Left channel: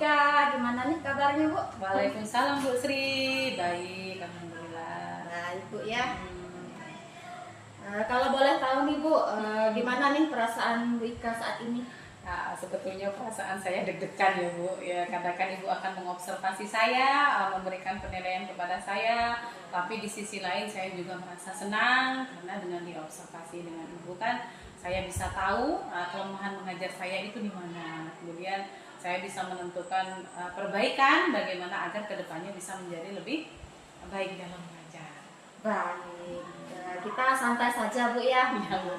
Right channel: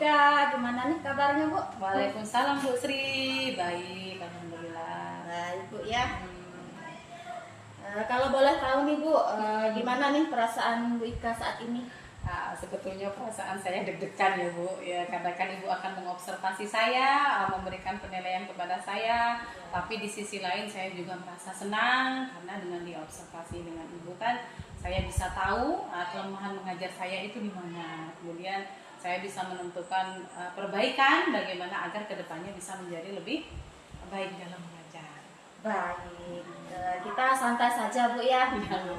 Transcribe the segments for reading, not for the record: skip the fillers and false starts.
Ika, gimana nih kabarnya Bu? Waalaikumsalam Bu Sri, baik, alhamdulillah. Baik Bu ya. Kalau boleh tahu nih Bu, gimana nih perasaan Bu Ika saat ini? Nah, sebetulnya perasaan saya deg-degan ya Bu, ya karena kan Ibu akan mengobservasi saya, memberikan penilaian kepada saya, tapi di sisi lain saya juga merasa senang karena dengan diobservasi dengan Ibu kan saya bisa tahu kelemahan mengajar saya itu di mana. Kemudian saya bisa menentukan perbaikan bagaimana agar kedepannya bisa menjadi lebih baik dalam mengajar. Baik, kita santai saja Bu ya. Ya, Bu.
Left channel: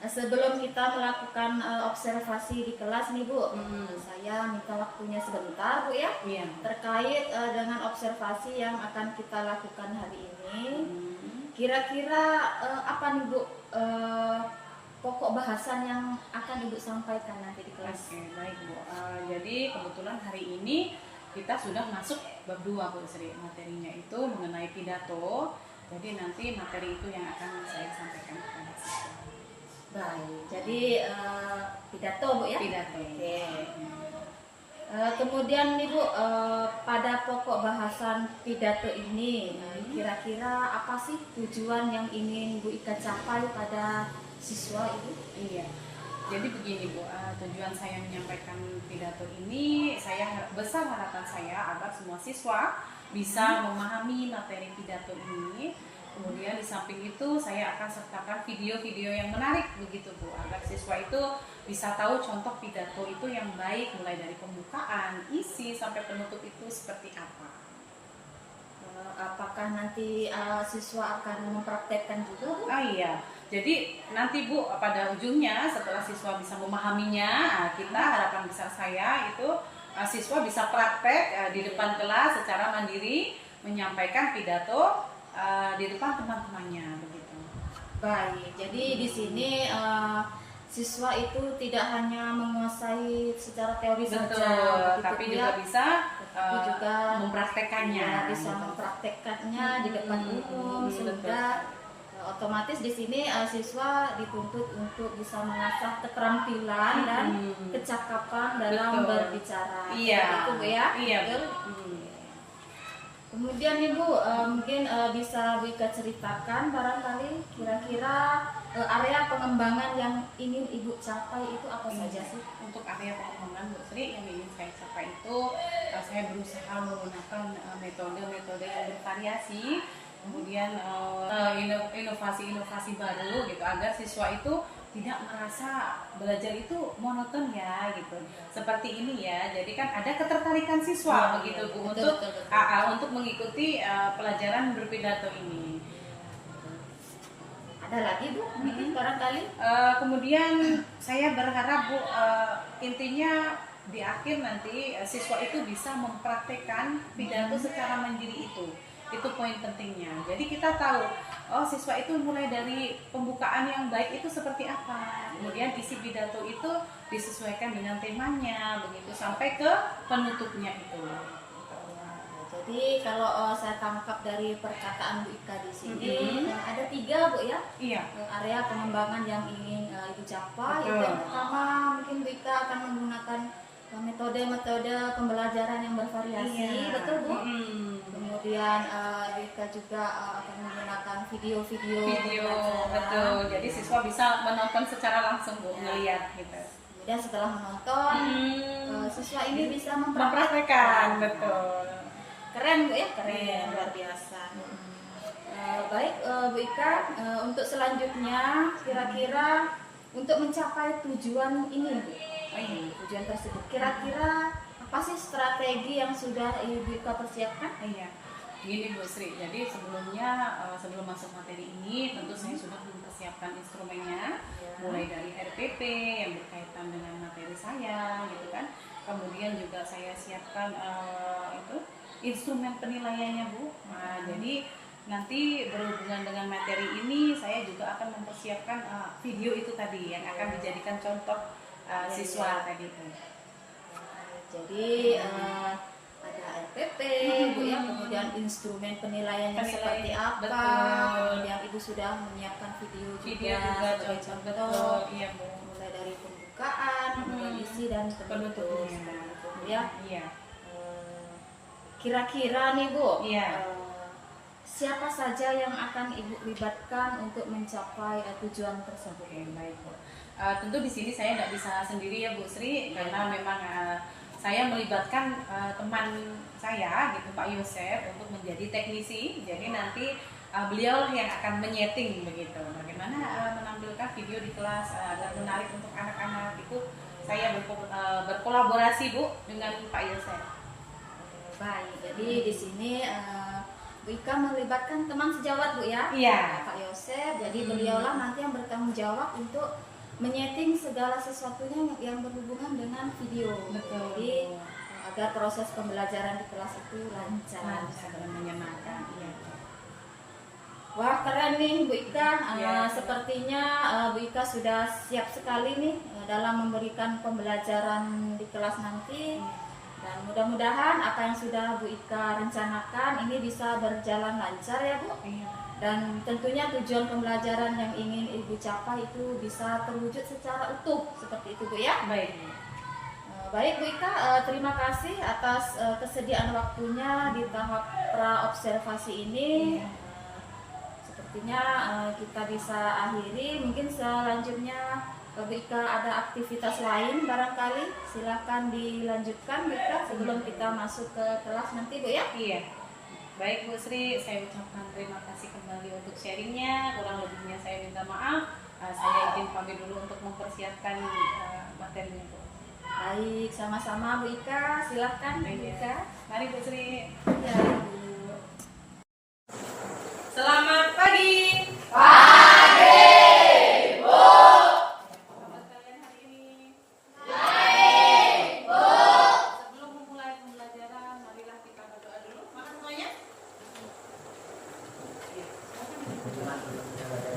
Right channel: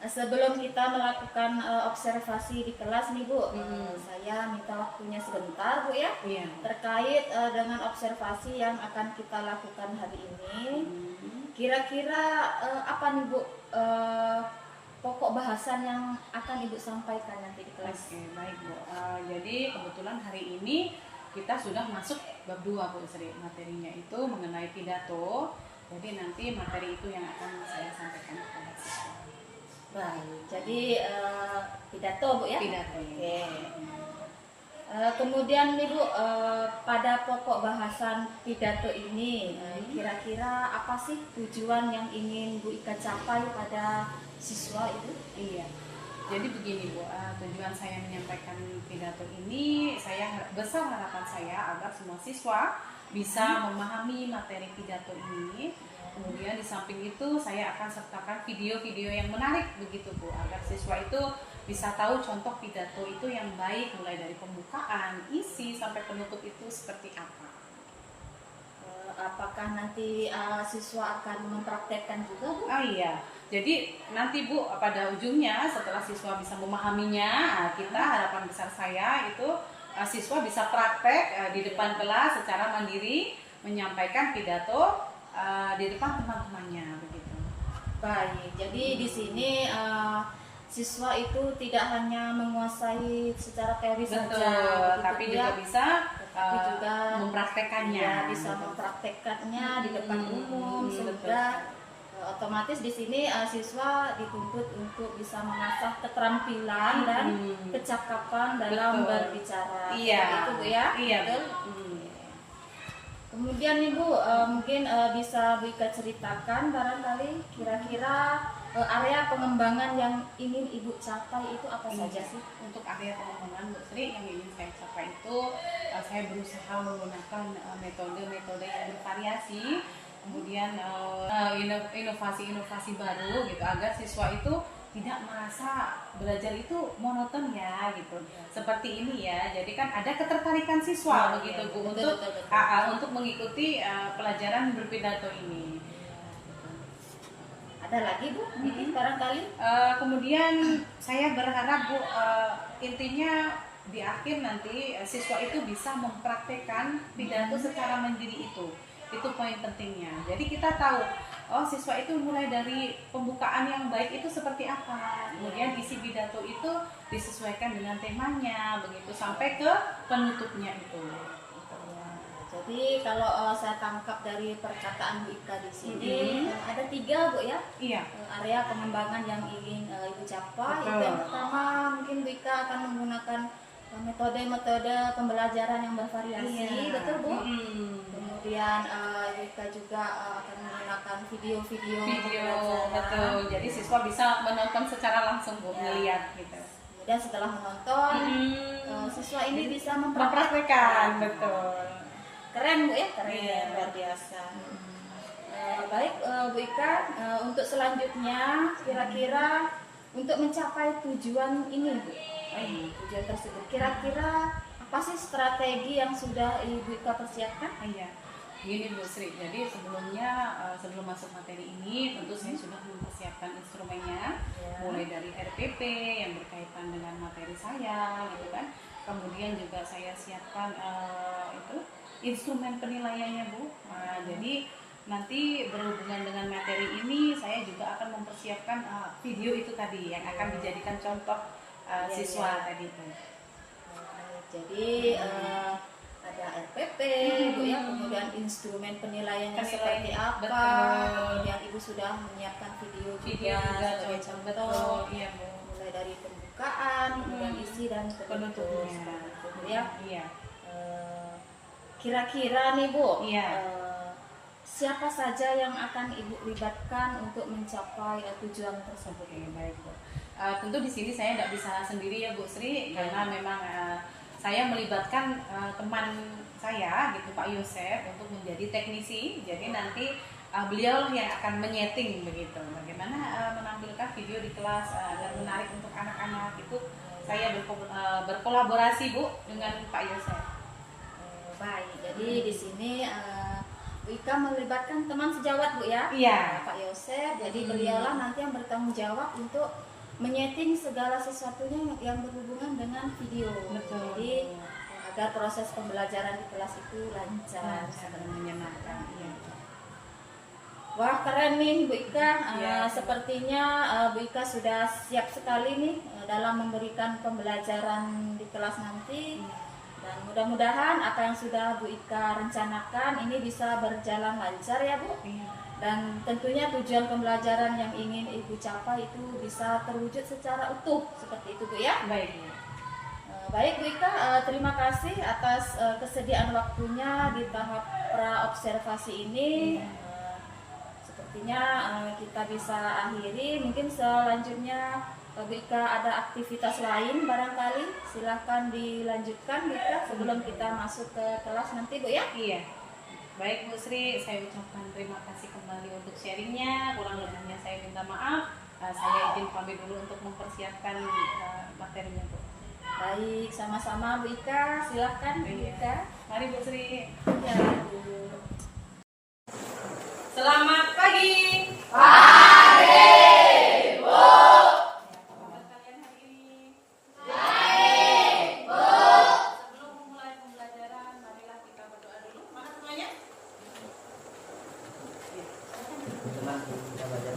Sebelum kita melakukan observasi di kelas nih Bu, saya minta waktunya sebentar Bu ya, Iya. terkait dengan observasi yang akan kita lakukan hari ini. Kira-kira apa nih Bu pokok bahasan yang akan Ibu sampaikan nanti di kelas? Oke, baik Bu. Jadi kebetulan hari ini kita sudah masuk bab 2 Bu Sri. Materinya itu mengenai pidato. Jadi nanti materi itu yang akan saya sampaikan kepada siswa. Baik, jadi pidato Bu ya? Pidato. Oke. Kemudian nih Bu, pada pokok bahasan pidato ini, kira-kira apa sih tujuan yang ingin Bu Ika capai pada siswa itu? Iya. Jadi begini Bu, tujuan saya menyampaikan pidato ini, besar harapan saya agar semua siswa bisa memahami materi pidato ini. Kemudian di samping itu saya akan sertakan video-video yang menarik begitu Bu, agar siswa itu bisa tahu contoh pidato itu yang baik, mulai dari pembukaan, isi sampai penutup itu seperti apa. Apakah nanti siswa akan mempraktekkan juga Bu? Iya. Jadi nanti Bu pada ujungnya setelah siswa bisa memahaminya, kita harapan besar saya itu siswa bisa praktek di depan kelas secara mandiri menyampaikan pidato di depan teman-temannya begitu. Baik, jadi di sini siswa itu tidak hanya menguasai secara teori saja, begitu, tapi Bu, juga ya. bisa Tapi juga mempraktekannya. Ya, bisa mempraktekkannya di depan umum, sehingga otomatis di sini siswa dituntut untuk bisa mengasah keterampilan dan kecakapan dalam berbicara. Iya. Itu Bu ya. Iya. Betul. Kemudian Ibu mungkin bisa Bu Ika ceritakan barangkali kira-kira area pengembangan yang ingin Ibu capai itu apa saja sih? Untuk area pengembangan Bu Sri yang ingin saya capai itu saya berusaha menggunakan metode-metode yang bervariasi, kemudian inovasi-inovasi baru gitu agar siswa itu tidak merasa belajar itu monoton ya gitu. Seperti ini ya. Jadi kan ada ketertarikan siswa begitu Bu untuk mengikuti pelajaran berpidato ini. Ada lagi Bu? Barangkali? Kemudian saya berharap Bu intinya di akhir nanti siswa itu bisa mempraktekkan pidato secara mandiri itu poin pentingnya. Jadi kita tahu siswa itu mulai dari pembukaan yang baik itu seperti apa, kemudian isi pidato itu disesuaikan dengan temanya begitu sampai ke penutupnya itu. Jadi kalau saya tangkap dari perkataan Bu Ika di sini ada 3 Bu ya. Iya. Area pengembangan yang ingin Ibu capai. Itu yang pertama mungkin Bu Ika akan menggunakan metode-metode pembelajaran yang bervariasi, betul Bu? Kemudian Bu Ika juga akan menggunakan video-video betul. Jadi siswa bisa menonton secara langsung Bu, melihat gitu. Kemudian setelah menonton siswa ini bisa mempraktekkan, betul. Keren Bu ya, keren, luar biasa. Baik Bu Ika, untuk selanjutnya kira-kira untuk mencapai tujuan ini Bu, tujuan tersebut kira-kira apa sih strategi yang sudah Ibu Ika persiapkan? Iya, gini Bu Sri, jadi sebelumnya sebelum masuk materi ini tentu saya sudah mempersiapkan instrumennya, mulai dari RPP yang berkaitan dengan materi saya gitu kan. Kemudian juga saya siapkan instrumen penilaiannya Bu. Nah, jadi nanti berhubungan dengan materi ini saya juga akan mempersiapkan video itu tadi yang akan dijadikan contoh siswa tadi itu. Jadi ada RPP Bu ya, kemudian instrumen penilaiannya seperti apa, kemudian Ibu sudah menyiapkan video juga sebagai contoh, iya Bu. mulai dari pembukaan, kemudian isi dan penutupnya. ya. Iya. Kira-kira nih Bu, Iya. siapa saja yang akan Ibu libatkan untuk mencapai tujuan tersebut? Oke, baik Bu. Tentu di sini saya tidak bisa sendiri ya Bu Sri, karena memang saya melibatkan teman saya gitu Pak Yosef untuk menjadi teknisi. Jadi nanti beliaulah yang akan menyeting begitu. Bagaimana menampilkan video di kelas agar menarik untuk anak-anak itu saya berkolaborasi Bu dengan Pak Yosef. Baik, jadi di sini Bu Ika melibatkan teman sejawat Bu ya, Iya. Pak Yosef. Jadi beliaulah nanti yang bertanggung jawab untuk menyeting segala sesuatunya yang berhubungan dengan video. Betul. Jadi agar proses pembelajaran di kelas itu lancar Dan menyenangkan. Iya. Wah, keren nih Bu Ika. Ya. Sepertinya Bu Ika sudah siap sekali nih dalam memberikan pembelajaran di kelas nanti. Dan mudah-mudahan apa yang sudah Bu Ika rencanakan ini bisa berjalan lancar ya Bu. Iya. Dan tentunya tujuan pembelajaran yang ingin Ibu capai itu bisa terwujud secara utuh seperti itu Bu ya. Baik. Baik Bu Ika, terima kasih atas kesediaan waktunya di tahap praobservasi ini. Sepertinya kita bisa akhiri. Mungkin selanjutnya Bu Ika ada aktivitas lain barangkali. Silahkan dilanjutkan Bu Ika sebelum kita masuk ke kelas nanti Bu ya. Iya. Baik Bu Sri, saya ucapkan terima kasih kembali untuk sharingnya. Kurang lebihnya saya minta maaf. Saya izin pamit dulu untuk mempersiapkan materinya Bu. Baik, sama-sama Bu Ika. Silahkan Bu Ika. Mari Bu Sri. Ya, Bu. Selamat pagi. Sebelum memulai pembelajaran, marilah kita berdoa dulu. Mana semuanya? Selamat pagi semuanya.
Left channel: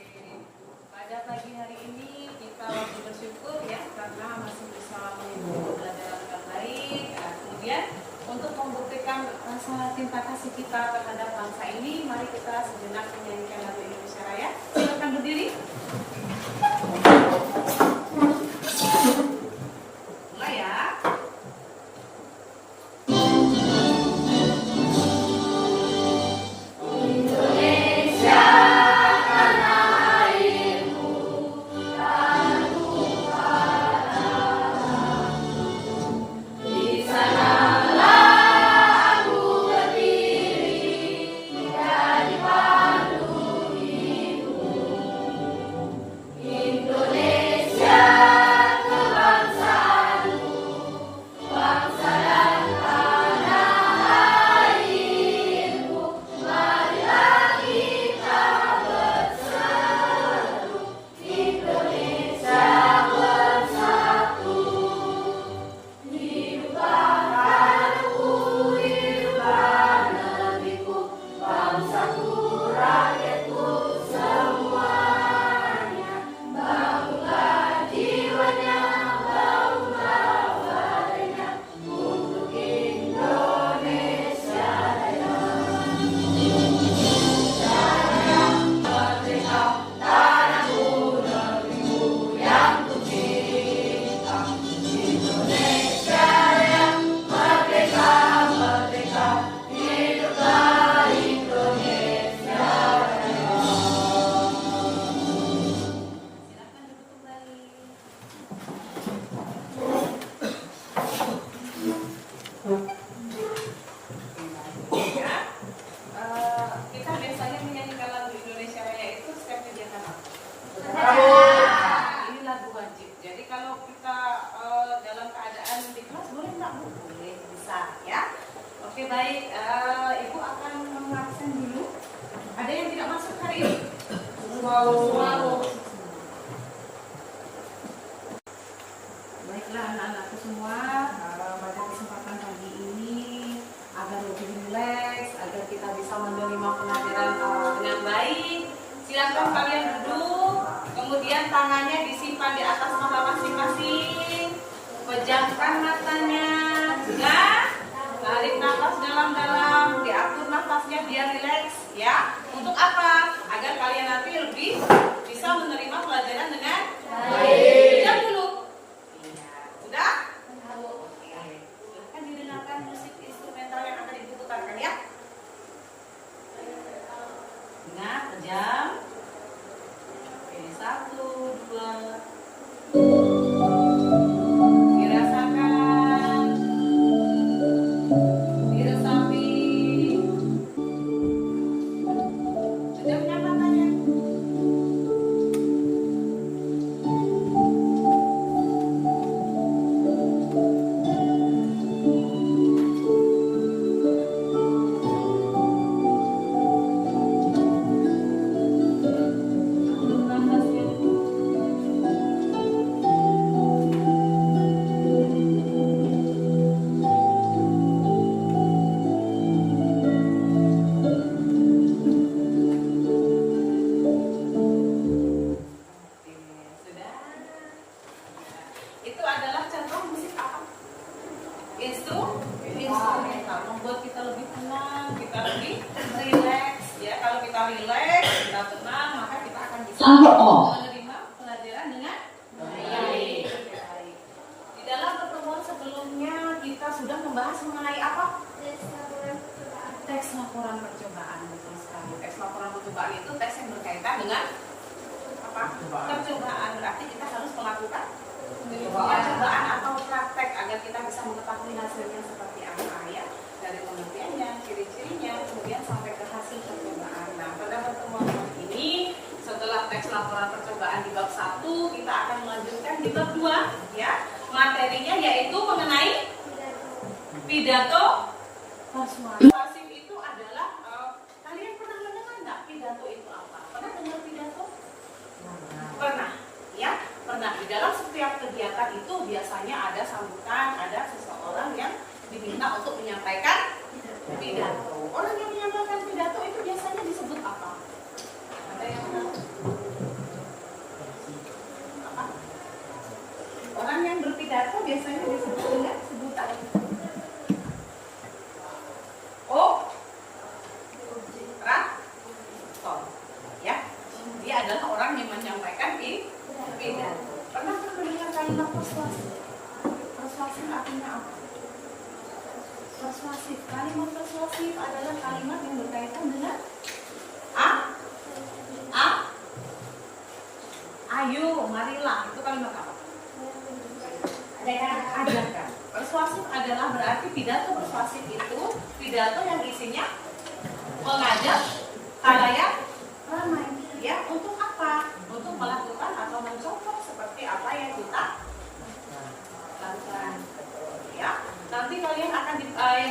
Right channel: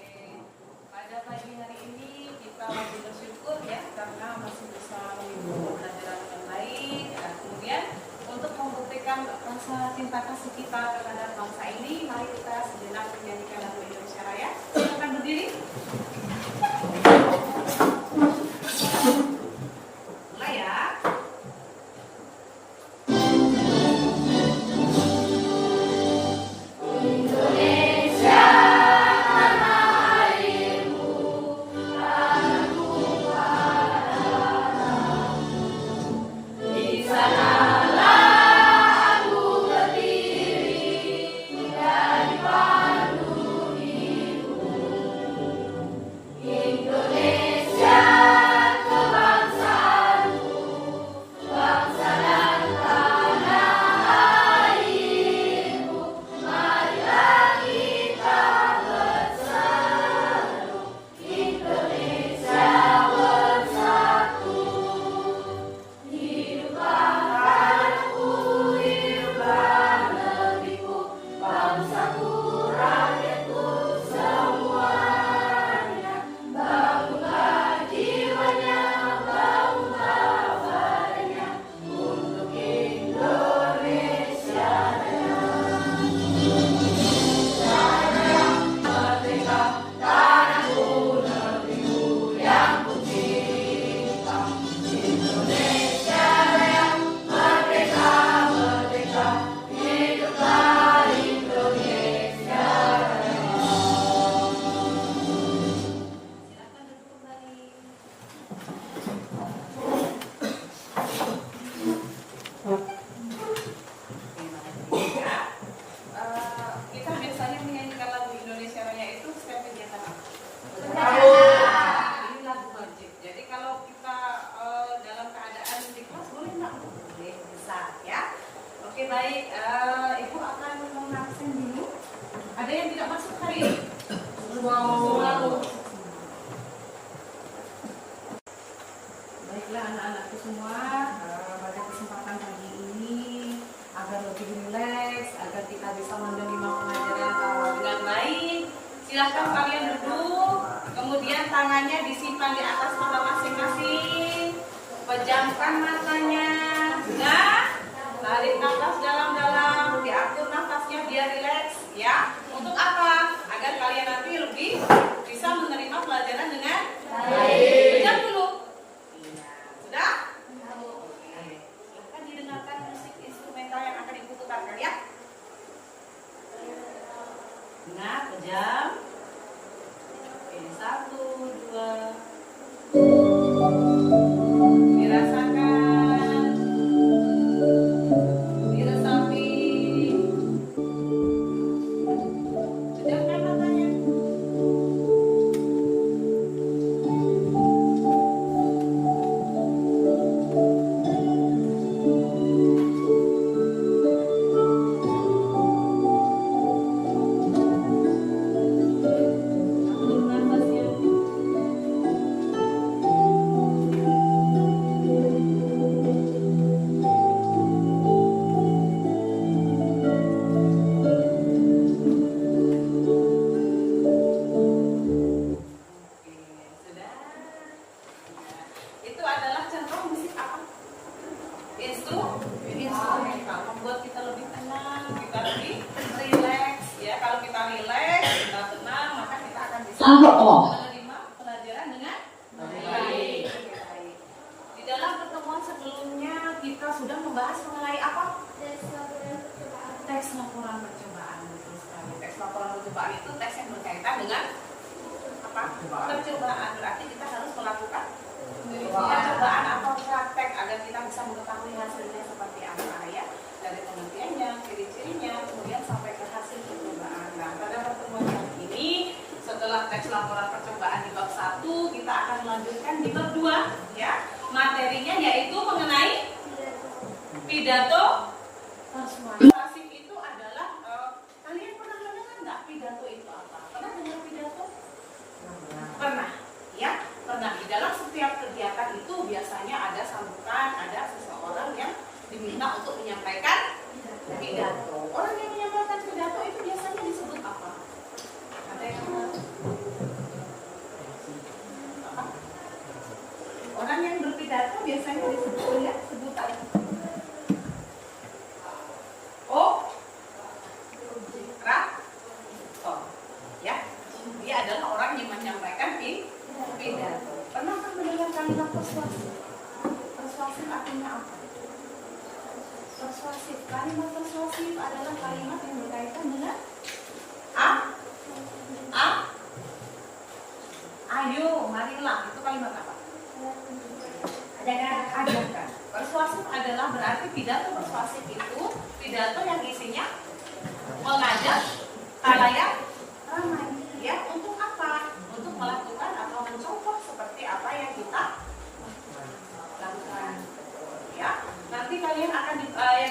Oke. Pada pagi hari ini kita wajib bersyukur ya karena masih bisa mengikuti pembelajaran dengan baik. Kemudian untuk membuktikan rasa cinta kasih kita terhadap bangsa ini, mari kita sejenak menyanyikan lagu Indonesia Raya. Silakan berdiri. Mulai ya. Silakan duduk kembali. Ya. Kita biasanya menyanyikan lagu Indonesia Raya itu setiap kegiatan apa? Ini lagu wajib. Jadi kalau kita dalam keadaan di kelas boleh nggak? Boleh, bisa ya. Oke baik. Ibu akan mengabsen dulu. Ada yang tidak masuk hari ini? Wow. Baiklah anak-anakku semua, pada kesempatan pagi ini agar lebih tangannya disimpan di atas mata masing-masing. Pejamkan matanya. Nah, tarik nafas dalam-dalam, diatur nafasnya biar rileks ya. Untuk apa? Agar kalian nanti lebih bisa menerima pelajaran dengan baik. Pejam dulu. Iya, sudah? Oke. Silahkan didengarkan musik instrumental yang akan ibu putarkan ya. Nah, pejam. Oke, 1, 2. Dirasakan, diresapi. Pejamkan matanya. Atur nafasnya. Oke, sudah. Itu adalah contoh musik apa? Instrumental, membuat kita lebih tenang, kita lebih rileks. Ya, kalau kita rileks, kita tenang, maka kita akan bisa menerima pelajaran dengan baik. Di dalam pertemuan sebelumnya kita sudah membahas mengenai apa? Teks laporan percobaan. Betul sekali. Teks laporan percobaan itu teks yang berkaitan dengan apa? Percobaan. Berarti kita harus melakukan percobaan atau praktek agar kita bisa mengetahui hasilnya seperti apa ya, dari penelitiannya, ciri-cirinya, kemudian sampai ke hasil percobaan. Nah, pada pertemuan kali ini setelah teks laporan percobaan di bab 1, kita akan melanjutkan di bab 2 ya. Materinya yaitu mengenai pidato persuasif. Itu adalah kalian pernah mendengar nggak pidato itu apa? Pernah dengar pidato? Pernah, ya. Pernah. Di dalam setiap kegiatan itu biasanya ada sambutan, ada seseorang yang diminta untuk menyampaikan pidato. Orang yang menyampaikan pidato itu biasanya disebut apa? Ada yang tahu? Apa? Orang yang berpidato biasanya disebut dengan sebutan orator. Ya, dia adalah orang yang menyampaikan pidato. Pernah mendengar kalimat persuasif? Persuasif artinya apa? Persuasif, kalimat persuasif adalah kalimat yang berkaitan dengan ayo, marilah. Itu kalimat apa? Ajarkan. Persuasif adalah berarti pidato persuasif itu pidato yang isinya mengajak khalayak ramai. Ya, untuk apa? Untuk melakukan atau mencontoh seperti apa yang kita lakukan. Ya, nanti kalian yang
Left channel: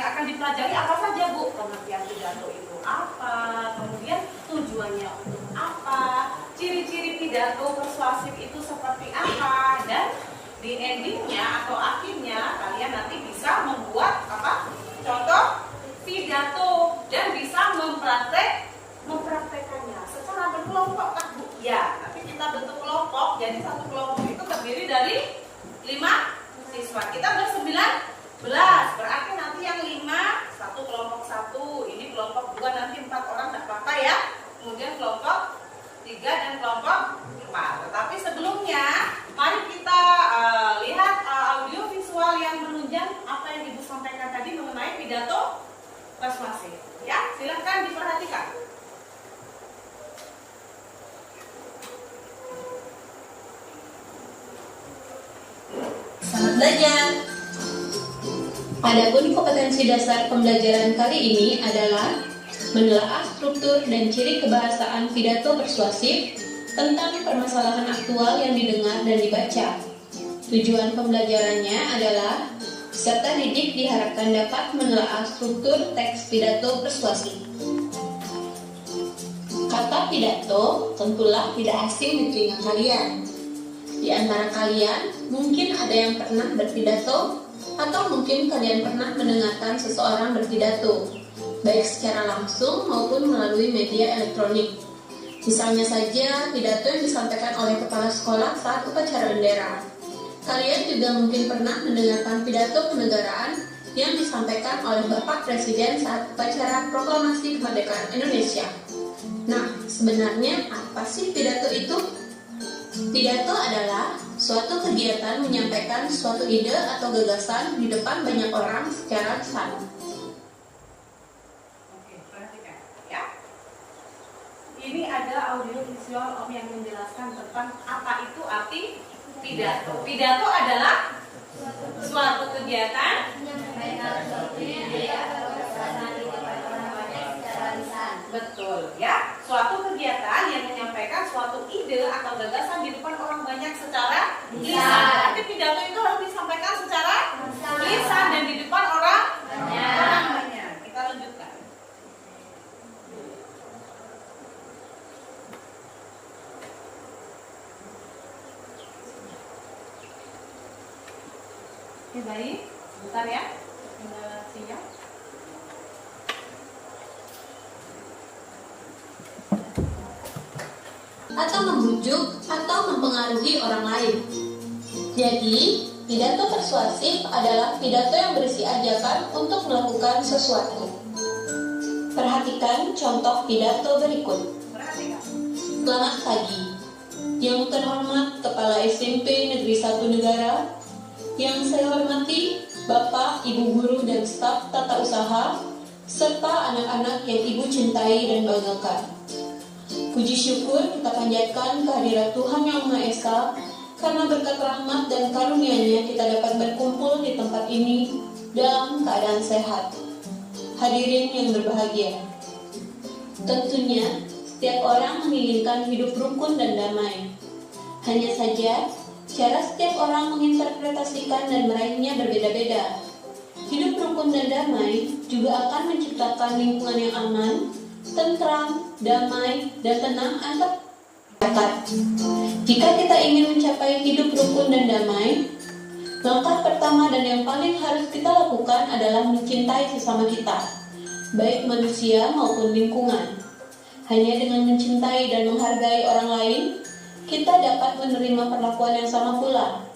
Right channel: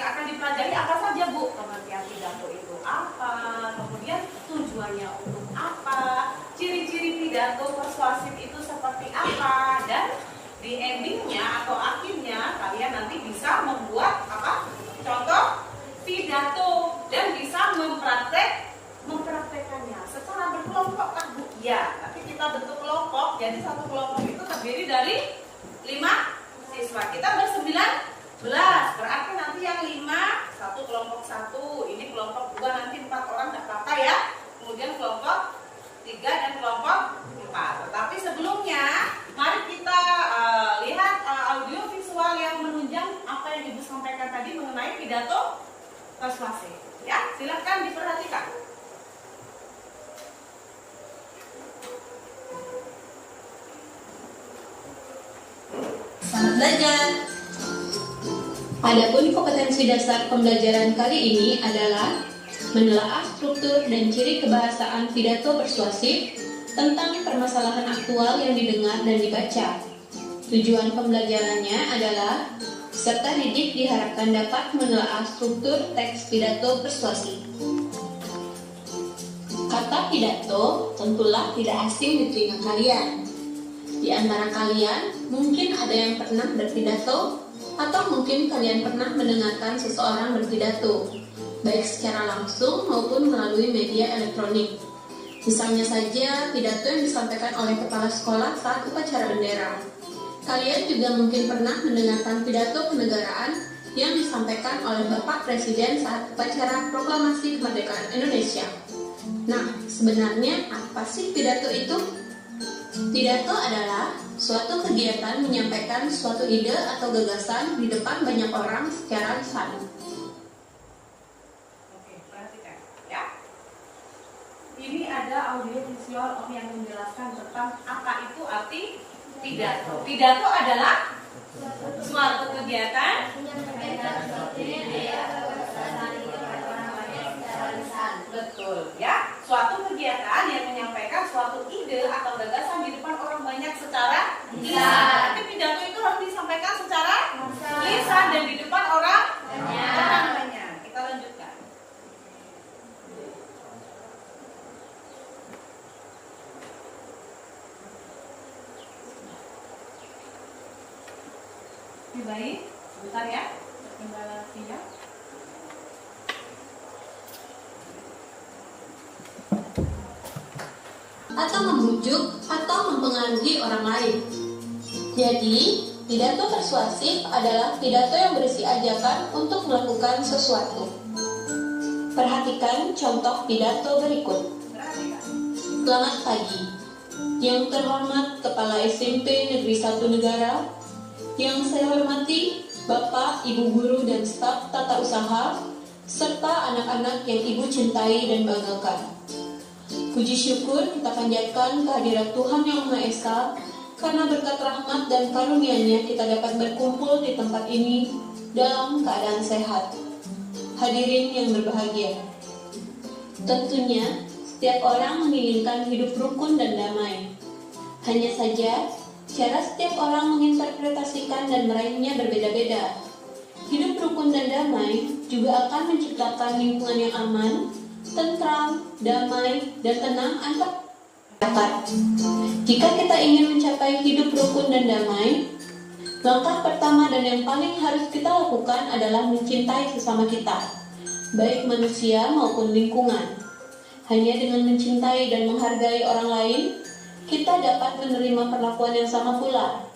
akan dipelajari apa saja, Bu? Pengertian pidato itu apa? Kemudian tujuannya untuk apa? Ciri-ciri pidato persuasif itu seperti apa? Dan di endingnya atau akhirnya kalian nanti bisa membuat apa? Contoh pidato dan bisa mempraktekannya secara berkelompok kan, Bu? Ya, nanti kita bentuk kelompok. Jadi satu kelompok itu terdiri dari 5 siswa. Kita ber-19. Berarti nanti yang 5 satu kelompok 1, ini kelompok 2, nanti 4 orang tak apa-apa ya. Kemudian kelompok 3 dan kelompok 4. Tetapi sebelumnya mari kita lihat audio visual yang menunjang apa yang Ibu sampaikan tadi mengenai pidato persuasif. Ya, silakan diperhatikan. Selamat belajar. Adapun kompetensi dasar pembelajaran kali ini adalah menelaah struktur dan ciri kebahasaan pidato persuasif tentang permasalahan aktual yang didengar dan dibaca. Tujuan pembelajarannya adalah peserta didik diharapkan dapat menelaah struktur teks pidato persuasif. Kata pidato tentulah tidak asing di telinga kalian. Di antara kalian mungkin ada yang pernah berpidato atau mungkin kalian pernah mendengarkan seseorang berpidato, baik secara langsung maupun melalui media elektronik. Misalnya saja pidato yang disampaikan oleh kepala sekolah saat upacara bendera. Kalian juga mungkin pernah mendengarkan pidato kenegaraan yang disampaikan oleh Bapak Presiden saat upacara proklamasi kemerdekaan Indonesia. Nah, sebenarnya apa sih pidato itu? Pidato adalah suatu kegiatan menyampaikan suatu ide atau gagasan di depan banyak orang secara lisan. Oke, perhatikan ya. Ini ada audio visual yang menjelaskan tentang apa itu arti pidato. Pidato adalah suatu kegiatan betul ya, suatu kegiatan yang menyampaikan suatu ide atau gagasan di depan orang banyak secara lisan. Tapi pidato itu harus disampaikan secara lisan dan di depan orang banyak. Kita lanjutkan. Ini baik, sebentar ya. Kendala sinyal. Atau membujuk atau mempengaruhi orang lain. Jadi, pidato persuasif adalah pidato yang berisi ajakan untuk melakukan sesuatu. Perhatikan contoh pidato berikut. Perhatikan. Selamat pagi. Yang terhormat Kepala SMP Negeri 1 Negara, yang saya hormati Bapak, Ibu guru dan staf tata usaha, serta anak-anak yang Ibu cintai dan banggakan. Puji syukur kita panjatkan kehadirat Tuhan Yang Maha Esa, karena berkat rahmat dan karunia-Nya kita dapat berkumpul di tempat ini dalam keadaan sehat. Hadirin yang berbahagia, tentunya setiap orang menginginkan hidup rukun dan damai. Hanya saja, cara setiap orang menginterpretasikan dan meraihnya berbeda-beda. Hidup rukun dan damai juga akan menciptakan lingkungan yang aman, tentram, damai, dan tenang antar masyarakat. Jika kita ingin mencapai hidup rukun dan damai, langkah pertama dan yang paling harus kita lakukan adalah mencintai sesama kita, baik manusia maupun lingkungan. Hanya dengan mencintai dan menghargai orang lain, kita dapat menerima perlakuan yang sama pula.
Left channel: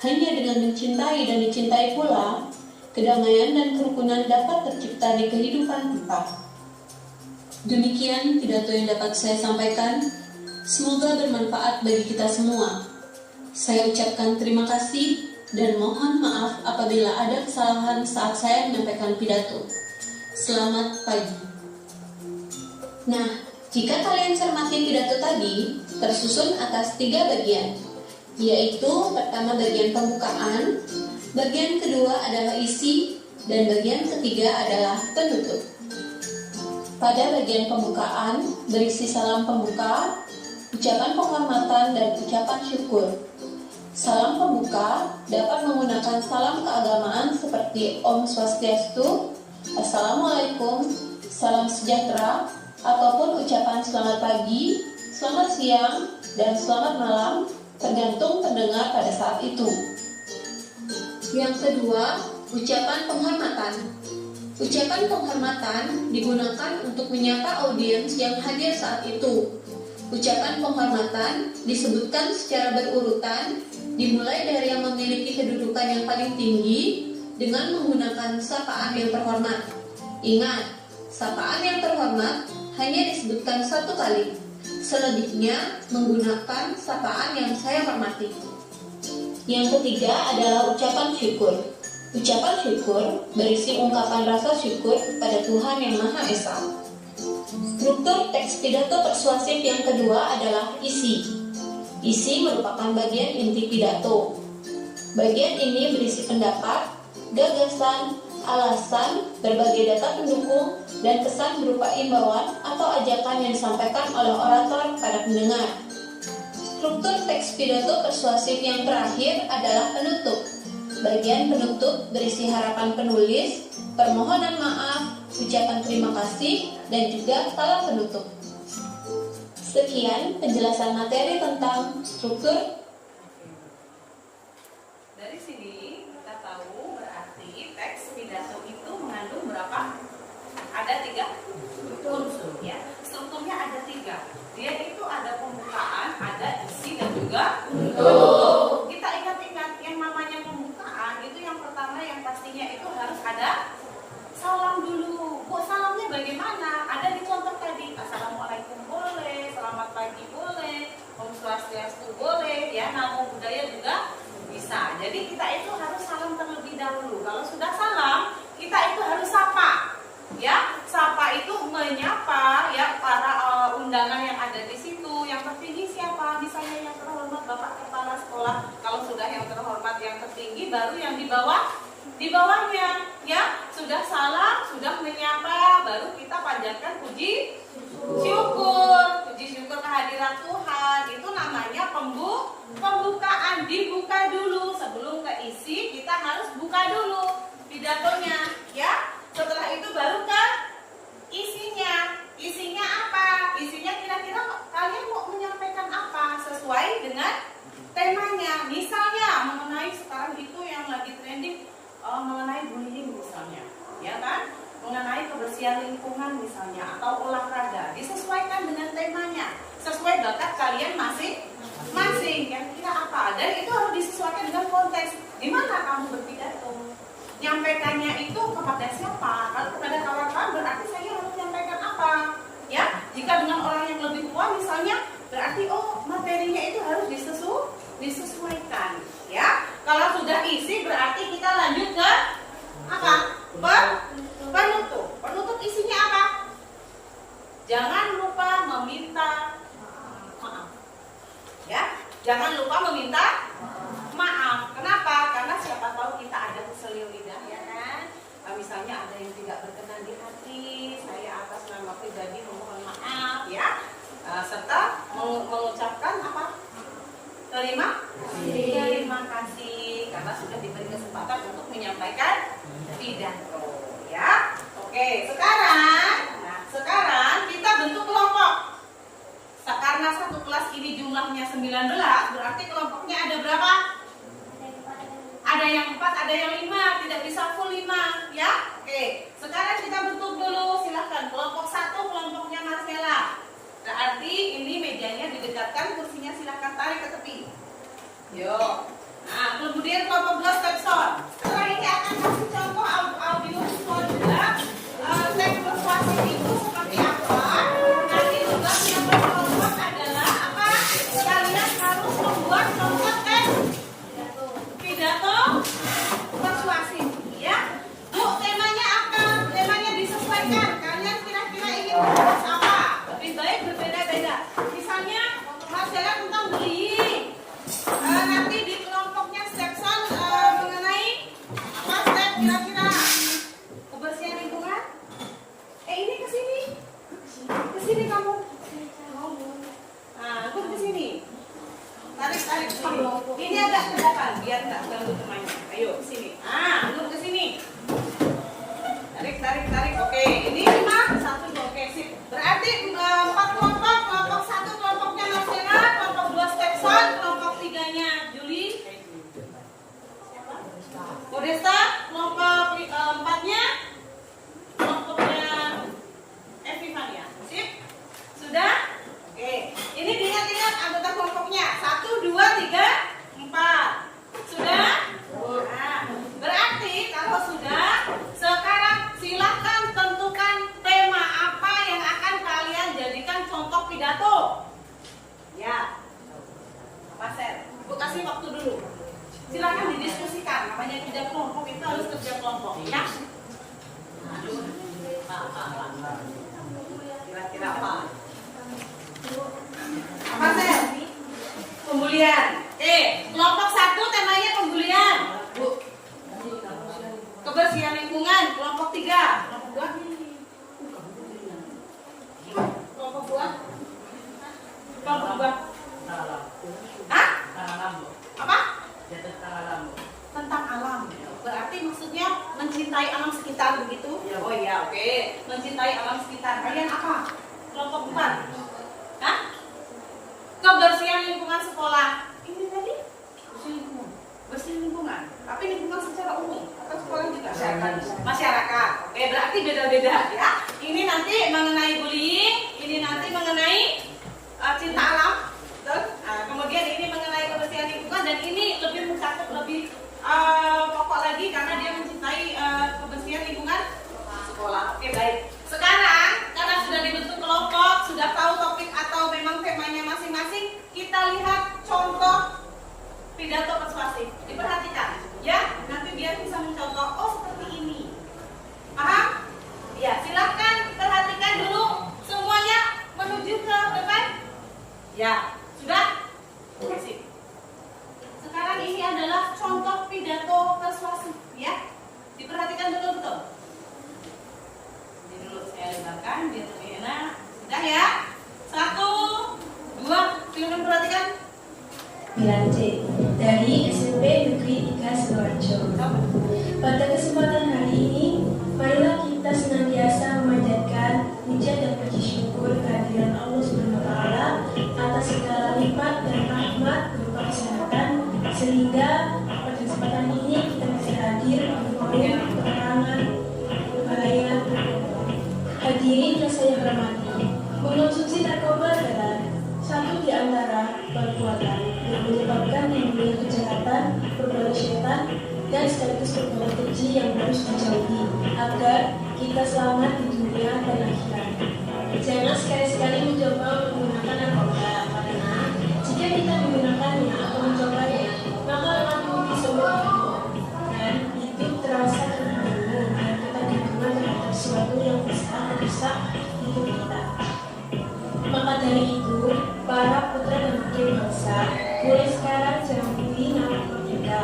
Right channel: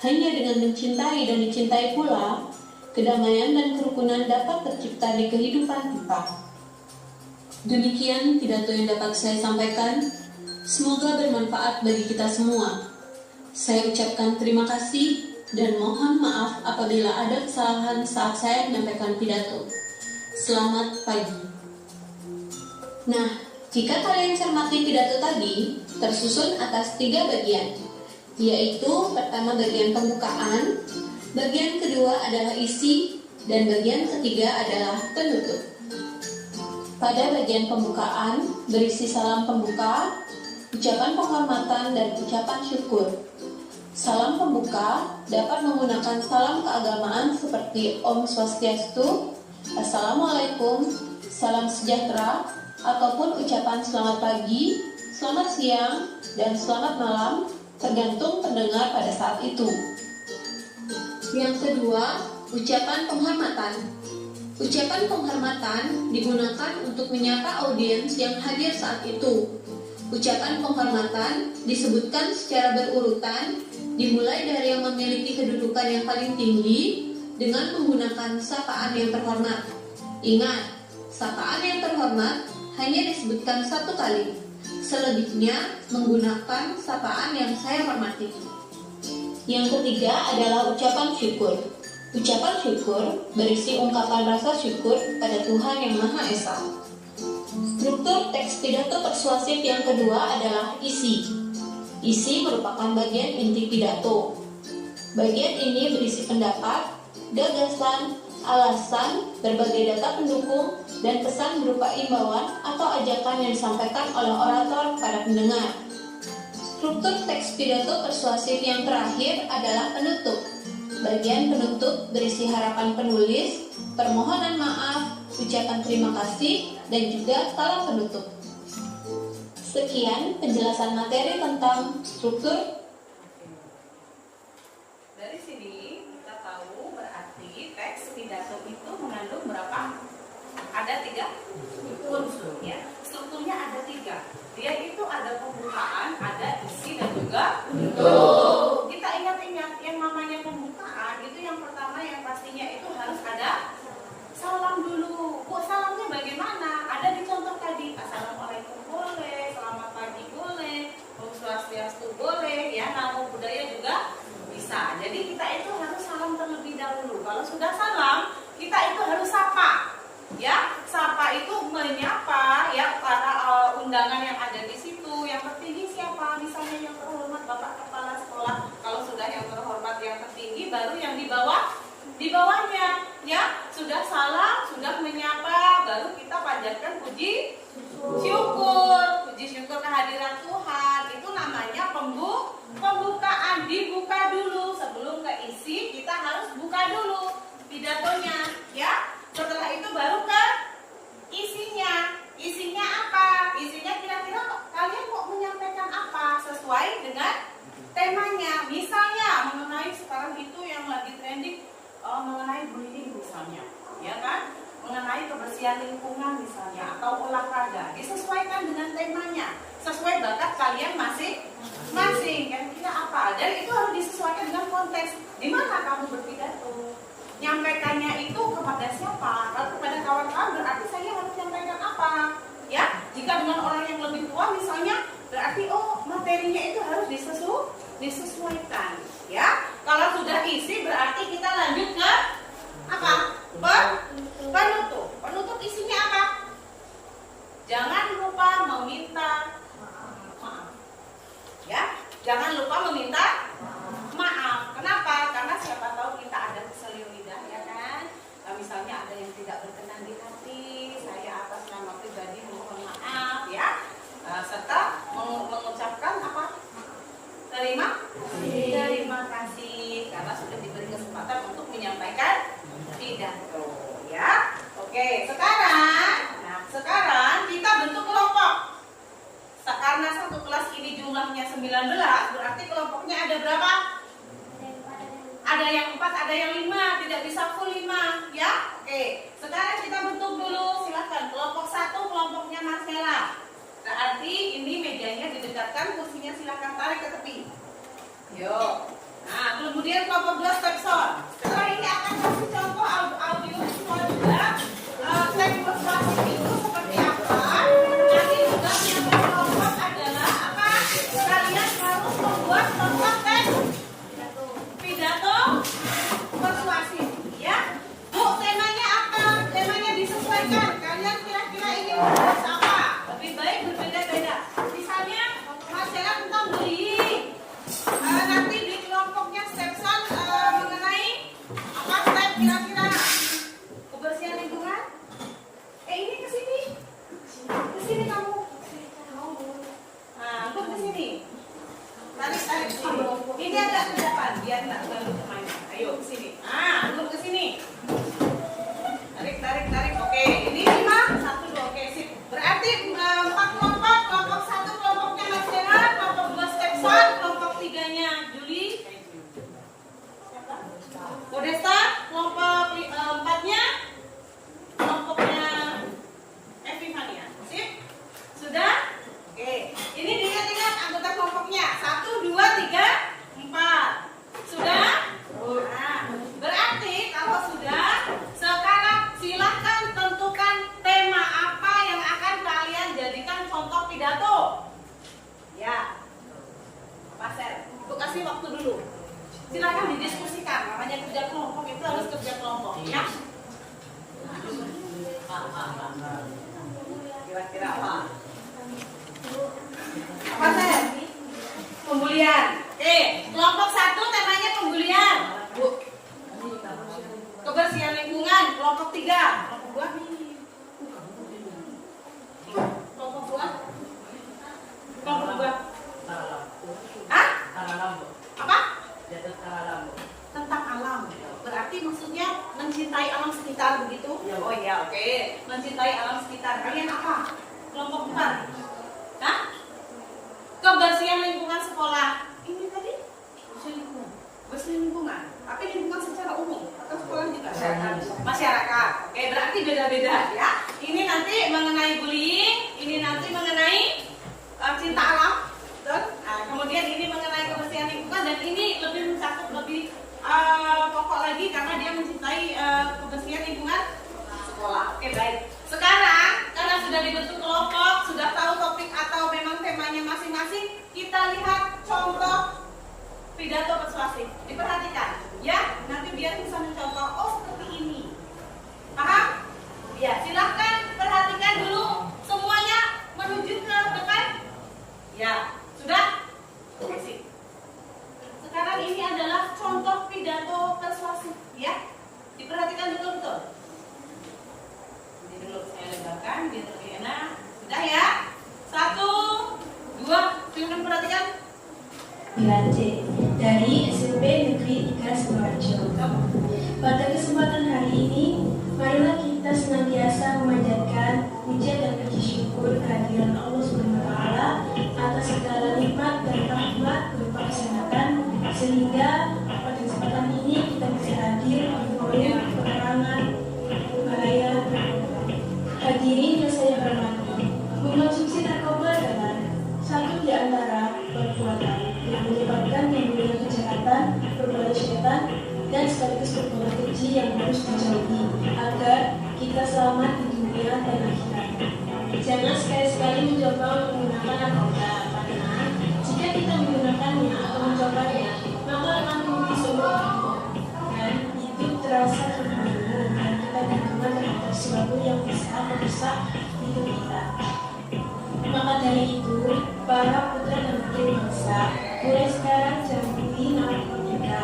Hanya dengan mencintai dan dicintai pula, kedamaian dan kerukunan dapat tercipta di kehidupan kita. Demikian pidato yang dapat saya sampaikan. Semoga bermanfaat bagi kita semua. Saya ucapkan terima kasih dan mohon maaf apabila ada kesalahan saat saya menyampaikan pidato. Selamat pagi. Nah, jika kalian cermati pidato tadi, tersusun atas 3 bagian, yaitu pertama bagian pembukaan, bagian kedua adalah isi, dan bagian ketiga adalah penutup. Pada bagian pembukaan berisi salam pembuka, ucapan penghormatan, dan ucapan syukur. Salam pembuka dapat menggunakan salam keagamaan seperti Om Swastiastu, Assalamualaikum, Salam Sejahtera, ataupun ucapan selamat pagi, selamat siang, dan selamat malam, tergantung pendengar pada saat itu. Yang kedua, ucapan penghormatan. Ucapan penghormatan digunakan untuk menyapa audiens yang hadir saat itu. Ucapan penghormatan disebutkan secara berurutan, dimulai dari yang memiliki kedudukan yang paling tinggi dengan menggunakan sapaan yang terhormat. Ingat, sapaan yang terhormat hanya disebutkan 1 kali. Selebihnya menggunakan sapaan yang saya hormati. Yang ketiga adalah ucapan syukur. Ucapan syukur berisi ungkapan rasa syukur kepada Tuhan Yang Maha Esa. Struktur teks pidato persuasif yang kedua adalah isi. Isi merupakan bagian inti pidato. Bagian ini berisi pendapat, gagasan, alasan, berbagai data pendukung, dan pesan berupa imbauan atau ajakan yang disampaikan oleh orator kepada pendengar. Struktur teks pidato persuasif yang terakhir adalah penutup. Bagian penutup berisi harapan penulis, permohonan maaf, ucapan terima kasih, dan juga salam penutup. Sekian penjelasan materi tentang struktur. Dari sini kita tahu berarti teks pidato itu mengandung berapa? Ada 3 unsur ya. Strukturnya ada 3 3. Dia itu ada pembukaan, ada isi dan juga penutup. Kita ingat-ingat yang namanya pembukaan itu yang pertama yang pastinya itu harus ada salam dulu. Bu, salamnya bagaimana? Ada di contoh tadi. Assalamualaikum boleh, selamat pagi boleh, Om Swastiastu boleh, ya namo buddhaya juga bisa. Jadi kita itu harus salam terlebih dahulu. Kalau sudah salam, kita itu harus sapa. Ya, sapa itu menyapa ya para undangan yang ada di situ. Yang tertinggi siapa? Misalnya yang terhormat Bapak Kepala Sekolah. Kalau sudah yang terhormat yang tertinggi, baru yang di bawahnya. Ya, sudah salam, sudah menyapa, baru kita panjatkan puji syukur kehadiran Tuhan. Itu namanya pembukaan. Dibuka dulu sebelum ke isi, kita harus buka dulu pidatonya, ya. Setelah itu baru ke isinya. Isinya apa? Isinya kira-kira kalian mau menyampaikan apa sesuai dengan temanya. Misalnya mengenai sekarang itu yang lagi trending mengenai bullying misalnya, ya kan? Mengenai kebersihan lingkungan misalnya atau olahraga. Disesuaikan dengan temanya, sesuai bakat kalian masing-masing. Kira-kira apa? Dan itu harus disesuaikan dengan konteks. Di mana kamu berpidato? Nyampaikannya itu kepada siapa? Kalau kepada kawan-kawan berarti saya harus menyampaikan apa? Ya, jika dengan orang yang lebih tua misalnya, berarti materinya itu harus disesuaikan. Ya, kalau sudah isi berarti kita lanjut ke apa? Penutup. Penutup isinya apa? Jangan lupa meminta maaf. Ya, jangan lupa meminta maaf. Kenapa? Karena siapa tahu kita ada keselio lidah, ya kan? Misalnya ada yang tidak berkenan di hati, saya atas nama pribadi mohon maaf, ya. Serta mengucapkan apa? Terima kasih karena sudah diberi kesempatan untuk menyampaikan pidato, ya. Oke, sekarang kita bentuk kelompok. Karena satu kelas ini jumlahnya 19, berarti kelompoknya ada berapa? Ada yang 4, ada yang 5, tidak bisa full 5, ya. Oke, sekarang kita bentuk dulu, silahkan. Kelompok 1, kelompoknya Marcella. Berarti ini mejanya didekatkan, kursinya silahkan tarik ke tepi. Yo. Nah, kemudian kelompok 2 Stepson. Setelah ini akan kasih contoh audio visual juga. Teks persuasif itu seperti apa? Nanti juga kelompok adalah apa? Kalian harus membuat contoh teks pidato persuasif, ya. Bu, temanya apa? Temanya disesuaikan. Kalian kira-kira ingin membahas apa? Lebih baik berbeda-beda. Misalnya, Marcella tentang bullying. Nanti di kelompoknya Stepson mengenai apa? Step kira-kira kebersihan lingkungan. Ini kesini. Kesini kamu. Nah, ikut kesini. Tarik sini. Ini agak ke depan biar nggak ganggu temannya. Ayo ke sini. Duduk ke sini. Tarik. Oke, ini 5, 1, 2. Oke, sip. Berarti 4 kelompok. Kelompok 1 kelompoknya Marcella, kelompok 2 Stepson, kelompok 3-nya Julie. Siapa? Modesta. Kelompok 4-nya kelompoknya Epifania. Sip? Sudah? Oke. Ini diingat-ingat anggota kelompoknya. 1, 2, 3, 4. Sudah? Nah, berarti kalau sudah, sekarang silahkan tentukan tema apa yang akan kalian jadikan contoh pidato. Ya. Pak Ser, Ibu kasih waktu dulu. Silahkan didiskusikan. Namanya kerja kelompok itu harus kerja kelompok, ya. Kira-kira apa? Apa Ser? Pembulian. Kelompok 1 temanya pembulian. Bu. Kebersihan lingkungan. Kelompok 3. Kelompok 2. Kelompok 2. Kelompok 2. Hah? Apa? Tentang alam. Berarti maksudnya mencintai alam sekitar begitu? Oh iya, oke. Mencintai alam sekitar. Kalian apa? Kelompok 4. Hah? Kebersihan lingkungan sekolah. Ini tadi bersih lingkungan. Tapi lingkungan secara umum atau sekolah juga? Masyarakat. Oke, berarti beda-beda ya. Ini nanti mengenai bullying, ini nanti mengenai cinta alam. Betul? Nah, kemudian ini mengenai kebersihan lingkungan dan ini lebih mencakup lebih pokok lagi karena dia mencintai kebersihan lingkungan sekolah. Oke, baik. Sekarang karena sudah dibentuk kelompok, sudah tahu topik atau memang temanya masing-masing, kita lihat contoh pidato persuasif. Diperhatikan, ya. Nanti biar bisa mencontoh. Oh, seperti ini. Paham? Ya, silahkan perhatikan dulu semuanya menuju ke depan. Ya, sudah? Sip. Sekarang ini adalah contoh pidato persuasif, ya. Diperhatikan betul-betul. Ini dulu saya lebarkan biar lebih enak. Sudah ya? 1, 2, silakan perhatikan. Belajar dari SMP Negeri 3 Sidoarjo. Pada kesempatan hari ini, marilah kita senantiasa memanjatkan puja dan puji syukur kehadiran Allah SWT atas segala nikmat dan rahmat berupa kesehatan, sehingga pada kesempatan ini kita bisa hadir untuk memberi penerangan bahaya. Hadirin yang saya hormati, mengonsumsi narkoba adalah satu di antara perbuatan yang menyebabkan timbulnya kejahatan, perbuatan syaitan, dan sekaligus perbuatan keji yang harus dijauhi agar kita selamat di dunia dan akhirat. Jangan sekali-sekali mencoba untuk menggunakan narkoba, karena jika kita menggunakannya atau mencobanya, maka akan memberi semua dan itu terasa terburu dan kita berhubungan terhadap sesuatu yang bisa merusak hidup kita. Maka dari itu, para putra dan putri bangsa, mulai sekarang jangan beri narkoba kita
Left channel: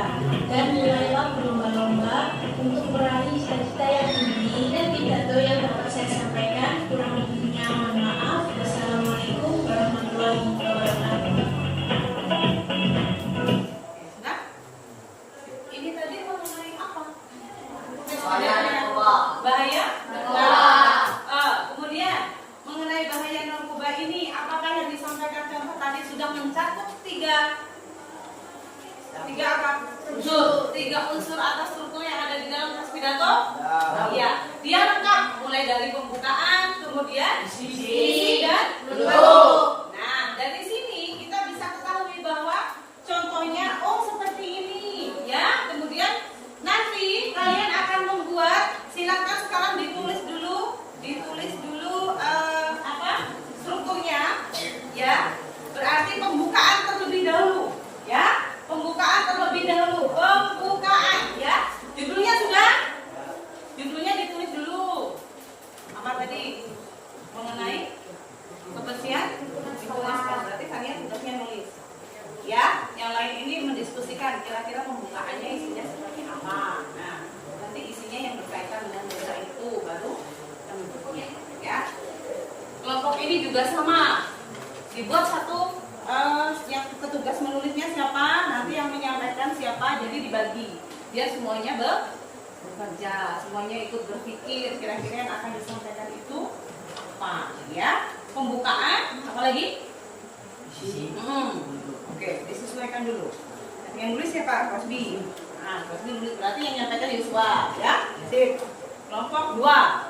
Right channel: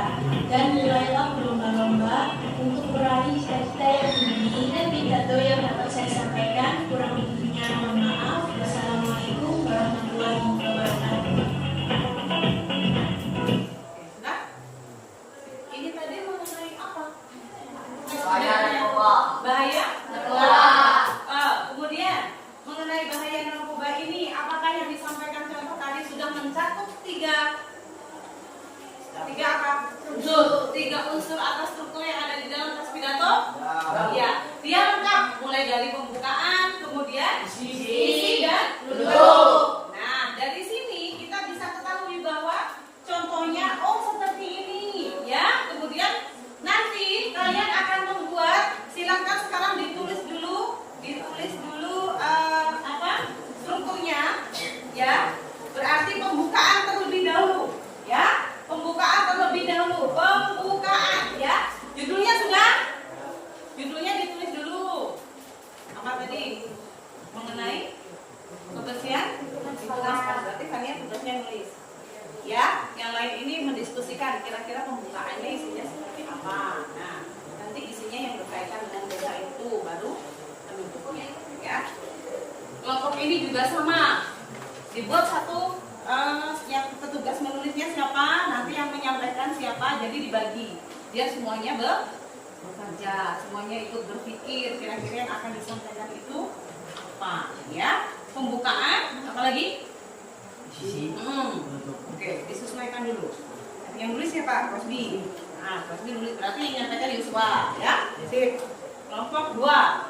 dan mulailah berlomba-lomba untuk meraih cita-cita yang tinggi. Dan pidato yang dapat saya sampaikan kurang lebihnya mohon maaf. Wassalamualaikum warahmatullahi wabarakatuh. Sudah? Ini tadi mengenai apa? Bahaya? Kemudian mengenai bahaya narkoba ini, apakah yang disampaikan contoh tadi sudah mencakup tiga apa? Tiga unsur atau struktur yang ada di dalam tas pidato? Iya, dia lengkap mulai dari pembukaan, kemudian isi dan penutup. Nah, dari sini kita bisa ketahui bahwa contohnya seperti ini, ya. Kemudian nanti kalian akan membuat, silakan sekarang ditulis dulu strukturnya, ya. Berarti pembukaan terlebih dahulu, ya. Pembukaan, ya. Judulnya sudah? Judulnya ditulis dulu. Apa tadi? Mengenai kebersihan lingkungan sekolah. Berarti kalian sudah nulis. Ya, yang lain ini mendiskusikan kira-kira pembukaannya isinya seperti apa. Nah, nanti isinya yang berkaitan dengan desa itu baru menutupnya, ya. Kelompok ini juga sama. Dibuat satu yang petugas menulisnya siapa, nanti yang menyampaikan siapa, jadi dibagi. Biar semuanya bekerja, semuanya ikut berpikir kira-kira yang akan disampaikan itu apa, ya. Pembukaan, apa lagi? Oke, disesuaikan dulu. Yang nulis siapa? Rosbi. Nah, Rosbi nulis, berarti yang menyampaikan Yuswa, ya. Sip. Kelompok 2.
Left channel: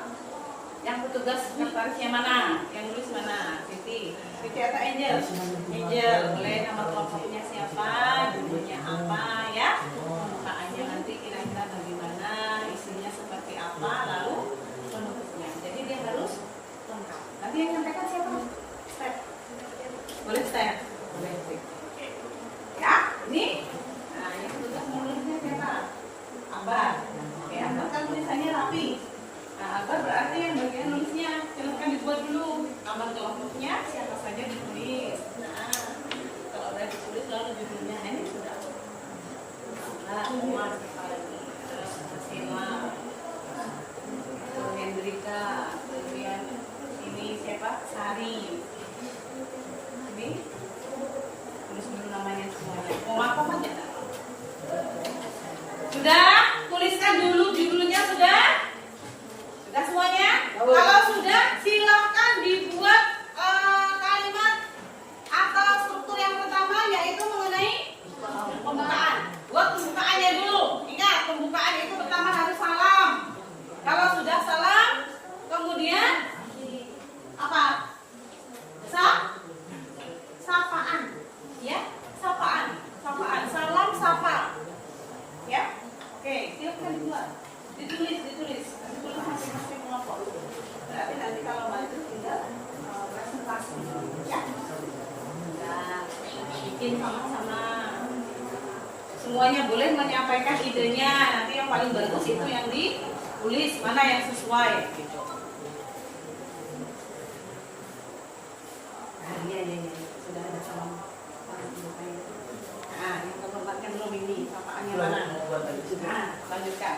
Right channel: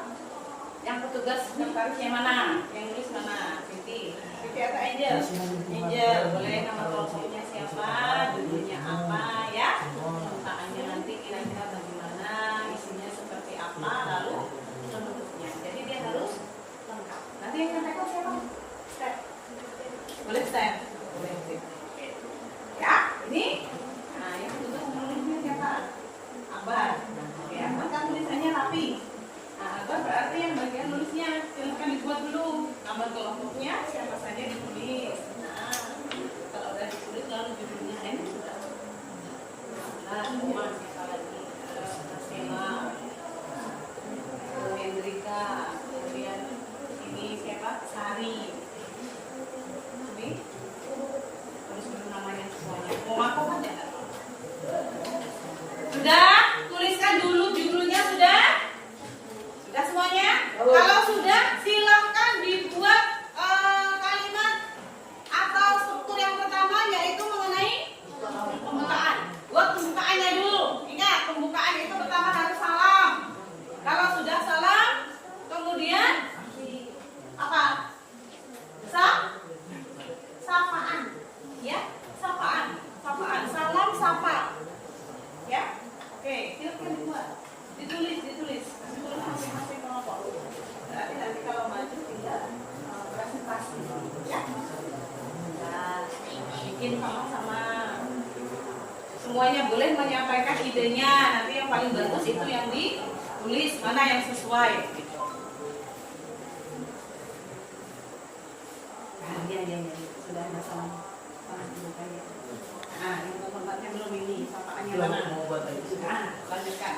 Yang petugas notarisnya mana? Yang nulis mana? Siti atau Angel? Angel, boleh nama kelompoknya siapa? Judulnya apa, ya? Pembukaannya nanti kira-kira bagaimana, isinya seperti apa, lalu penutupnya. Jadi dia harus lengkap. Nanti yang menyampaikan siapa? Step. Boleh step? Boleh step. Ya, ini. Nah, yang petugas menulisnya siapa? Abar. Ya, kan tulisannya rapi. Nah, apa berarti yang bagian nulisnya silahkan dibuat dulu nama kelompoknya siapa saja ditulis. Nah, kalau udah ditulis lalu judulnya ini sudah Mas Sela, Hendrika, kemudian ini siapa? Sari. Ini tulis dulu namanya semuanya. Mau apa aja? Sudah? Tuliskan dulu judulnya sudah? Sudah semuanya? Kalau sudah, silakan dibuat kalimat atau struktur yang pertama, yaitu mengenai pembukaan. Buat pembukaannya dulu. Ingat, pembukaan itu pertama harus salam. Kalau sudah salam, kemudian apa? dengerin sama-sama. Semuanya boleh menyampaikan idenya. Nanti yang paling bagus itu yang ditulis, mana yang sesuai gitu. Nah, iya. Sudah ada sama orang ibu saya. Nah, ini tempatnya belum ini. Sapaannya mana? Nah, lanjutkan.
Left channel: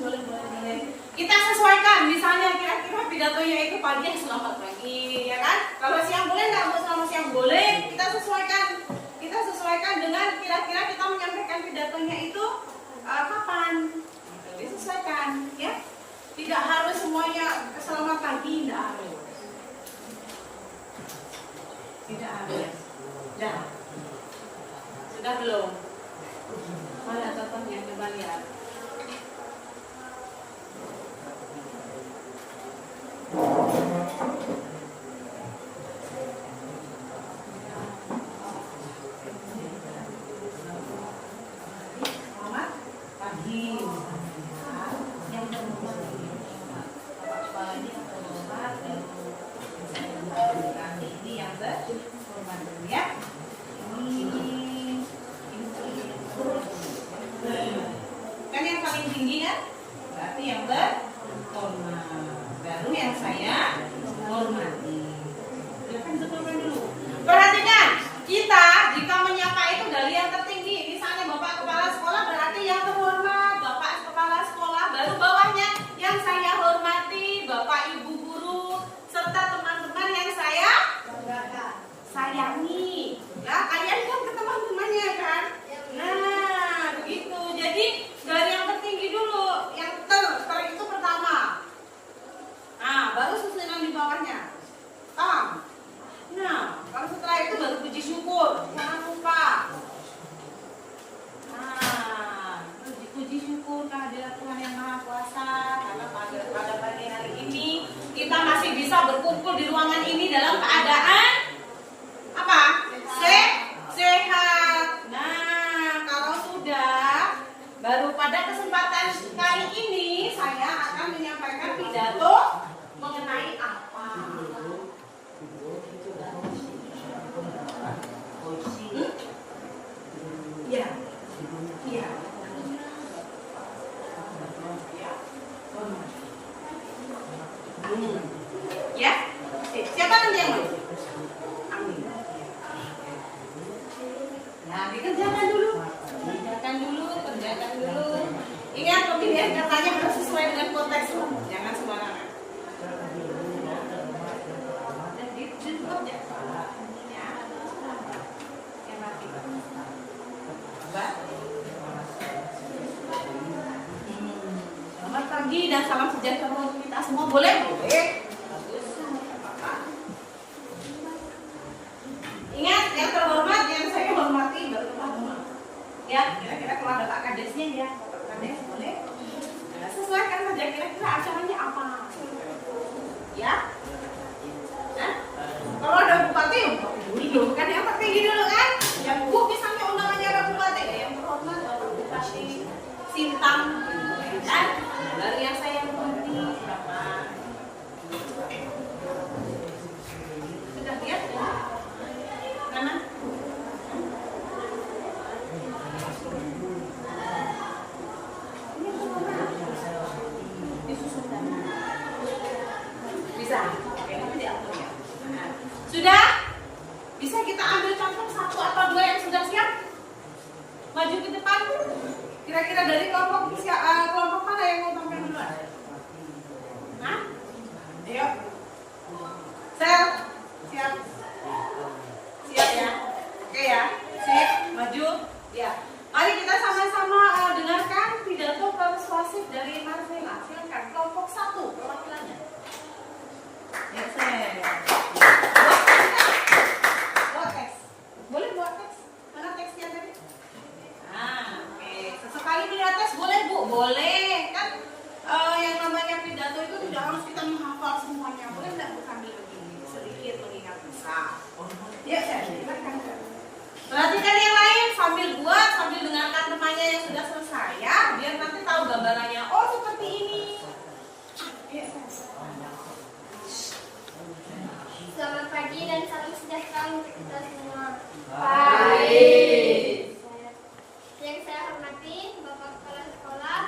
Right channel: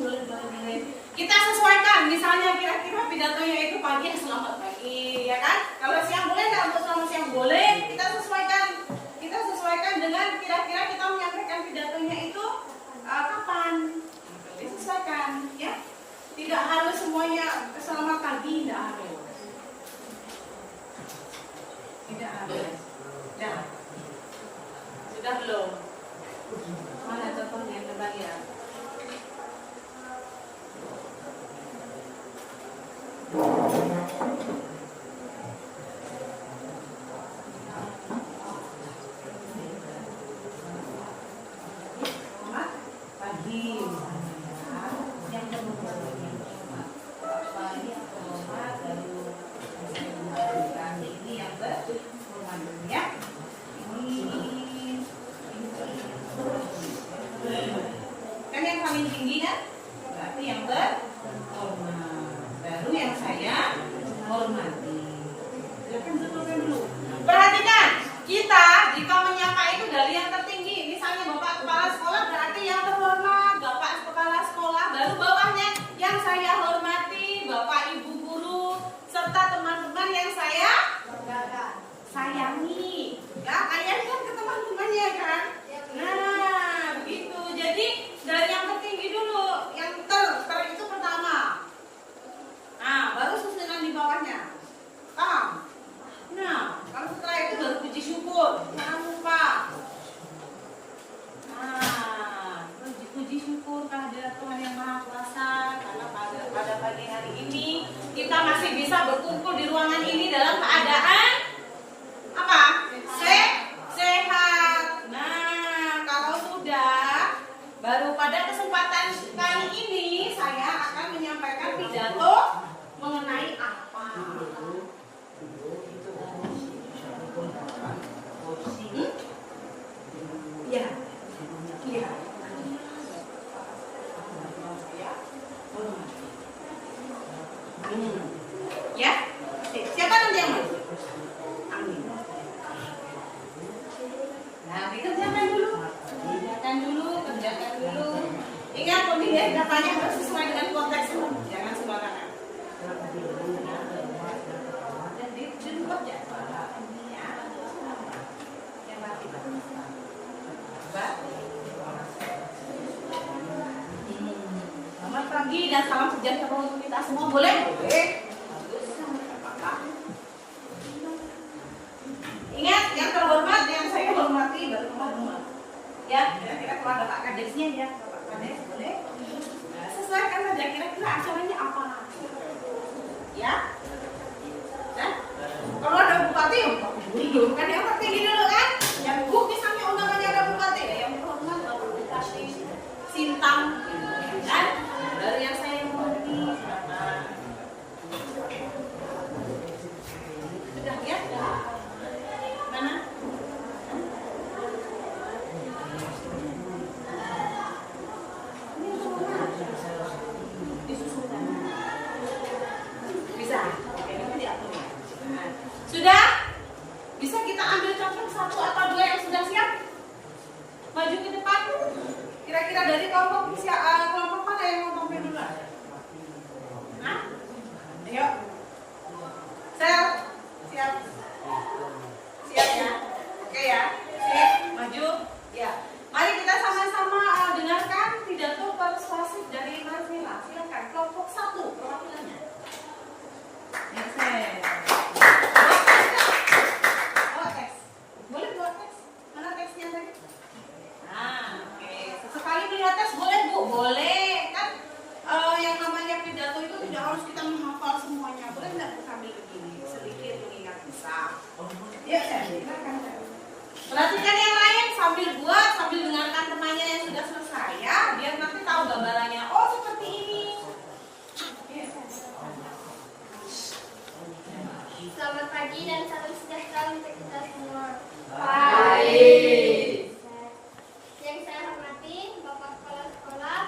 Boleh. Kita sesuaikan, misalnya kira-kira pidatonya itu pagi selamat pagi, ya kan? Kalau siang boleh nggak buat selamat siang? Boleh. Kita sesuaikan dengan kira-kira kita menyampaikan pidatonya itu kapan? Disesuaikan, ya. Tidak harus semuanya selamat pagi, tidak harus. Tidak harus. Dah. Sudah belum? Mana contohnya? Coba lihat. Kan yang paling tinggi ya, berarti yang berhormat. Baru yang saya hormati. Silakan betulkan dulu. Perhatikan, kita jika menyapa itu dari yang tertinggi. Misalnya Bapak Kepala Sekolah berarti yang terhormat, Bapak Kepala Sekolah. Baru bawahnya yang saya hormati, Bapak Ibu Guru, serta teman-teman yang saya sayangi. Ya, kalian kan ke teman-temannya kan? Nah, begitu. Jadi dari yang tertinggi dulu, yang ter itu pertama. Nah, baru susunan di bawahnya. Paham? Nah, kalau setelah itu baru puji syukur. Jangan lupa. Nah, puji syukur kehadirat Tuhan Yang Maha Kuasa. Karena pada pagi hari ini kita masih bisa berkumpul di ruangan ini dalam keadaan apa? Sehat. Nah, kalau sudah, baru pada kesempatan kali ini saya akan menyampaikan pidato mengenai apa? Iya. Ya. Siapa nanti yang mau? Amin. Nah, dikerjakan dulu. Kerjakan dulu. Ingat pemilihan katanya harus sesuai dengan konteks loh. Jangan sembarangan. Selamat pagi dan salam sejahtera untuk kita semua. Boleh? Boleh. Ingat, yang terhormat yang saya hormati baru teman-teman. Ya, kira-kira kalau ada Pak Kadesnya ya, Pak Kades boleh. Nah, sesuaikan saja kira-kira acaranya apa. Ya. Kan? Kalau ada bupati, dulu kan yang tertinggi dulu kan. Yang misalnya undangannya ada bupati, yang terhormat baru Bupati Sintang. Dan dari yang saya hormati siapa? Sudah lihat? Mana? Bisa? Itu diatur ya. Sudah? Bisa kita ambil contoh satu atau dua yang sudah siap? Maju ke depan. Kira-kira dari kelompok mana yang mau tampil duluan? Nah? Ayo. Sel. Siap. Siap ya? Oke ya? Sip. Maju. Ya. Mari kita sama-sama dengarkan pidato persuasif dari Marvela. Silakan. Kelompok 1 perwakilannya. Ya, saya. Buat teks. Boleh buat teks? Mana teksnya tadi? Nah, oke. Sesekali melihat teks boleh Bu? Boleh. Kan yang namanya pidato itu tidak harus kita menghafal semuanya. Boleh nggak Bu sambil begini? Sedikit mengingat bisa. Ya, saya. Perhatikan yang lain sambil buat, sambil dengarkan temannya yang sudah untuk kita semua. Baik. Yang saya hormati Bapak Kepala Sekolah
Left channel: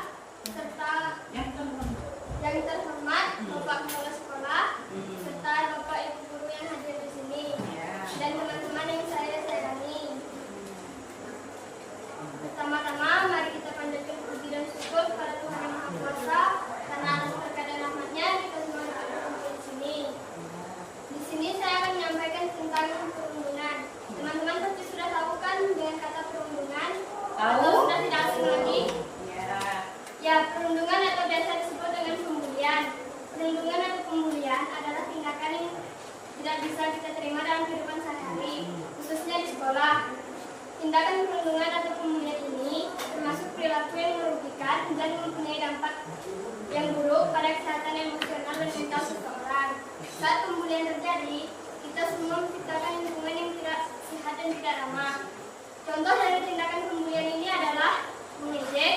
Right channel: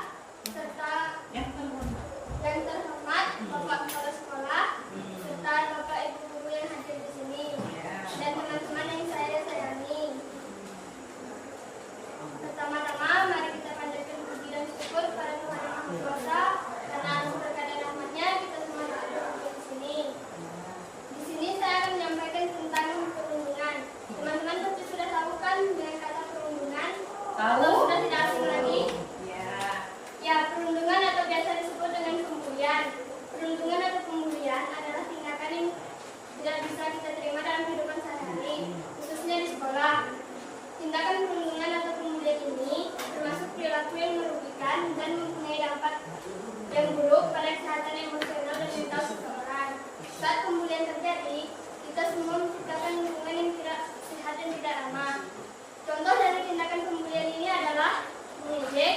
serta Ya, yang terhormat Bapak Kepala Sekolah serta Bapak Ibu guru yang hadir di sini dan teman-teman yang saya sayangi. Pertama-tama mari kita panjatkan puji dan syukur kepada Tuhan Yang Maha Kuasa karena atas berkat dan rahmat-Nya kita semua dapat berkumpul di sini. Di sini saya akan menyampaikan tentang perundungan. Teman-teman pasti sudah tahu kan dengan kata perundungan? Tahu? Atau sudah tidak asing lagi? ya. Ya, perundungan atau biasa disebut dengan pembulian. Perundungan atau pembulian adalah tindakan yang tidak bisa kita terima dalam kehidupan sehari-hari, khususnya di sekolah. Tindakan perundungan atau pembulian ini termasuk perilaku yang merugikan dan mempunyai dampak yang buruk pada kesehatan emosional dan mental seseorang. Saat pembulian terjadi, kita semua menciptakan lingkungan yang tidak sehat dan tidak ramah. Contoh dari tindakan pembulian ini adalah mengejek,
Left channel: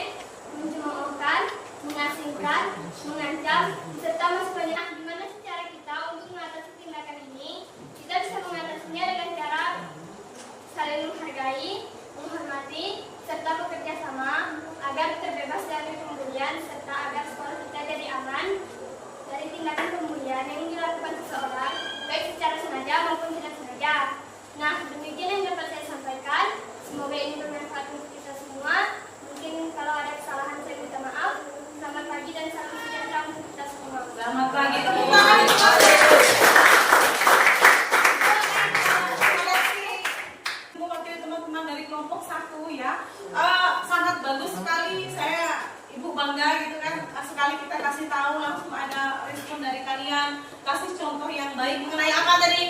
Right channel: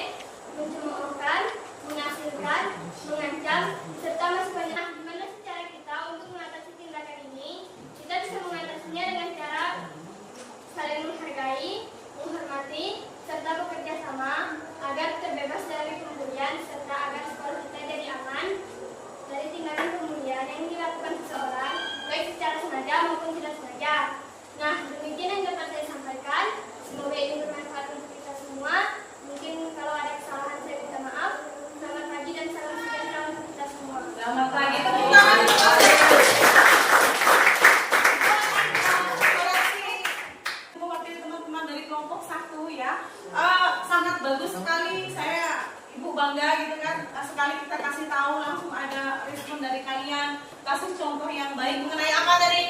mencemoohkan, mengasingkan, mengancam, serta masih banyak. Di mana secara kita untuk mengatasi tindakan ini, kita bisa mengatasinya dengan cara saling menghargai, menghormati, serta bekerja sama agar terbebas dari pembulian serta agar sekolah kita jadi aman dari tindakan pembulian yang dilakukan seseorang, baik secara sengaja maupun tidak sengaja. Nah, demikian yang dapat saya sampaikan. Semoga ini bermanfaat untuk kita semua. Mungkin kalau ada kesalahan saya minta maaf. Selamat pagi dan salam sejahtera untuk kita semua. Selamat pagi. Mewakili teman-teman dari kelompok 1 ya. Sangat bagus sekali, saya Ibu bangga gitu kan. Sekali kita kasih tahu langsung ada respon dari kalian, kasih contoh yang baik mengenai apa tadi?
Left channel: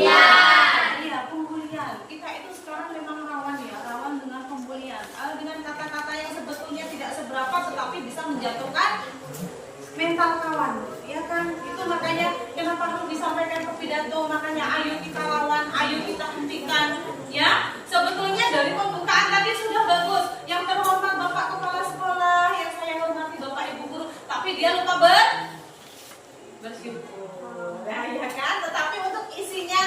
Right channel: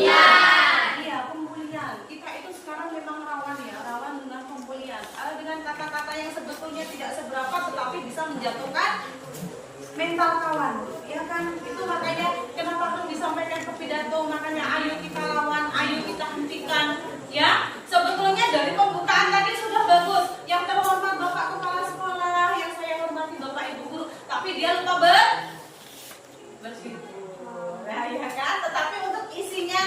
Iya, pembulian. Kita itu sekarang memang rawan ya, rawan dengan pembulian. Dengan kata-kata yang sebetulnya tidak seberapa tetapi bisa menjatuhkan mental kawan, ya kan? Itu makanya kenapa harus disampaikan ke pidato, makanya ayo kita lawan, ayo kita hentikan, ya. Sebetulnya dari pembukaan tadi sudah bagus. Yang terhormat Bapak Kepala Sekolah, yang saya hormati Bapak Ibu Guru, tapi dia lupa bersyukur. Nah, ya kan? Tetapi untuk isinya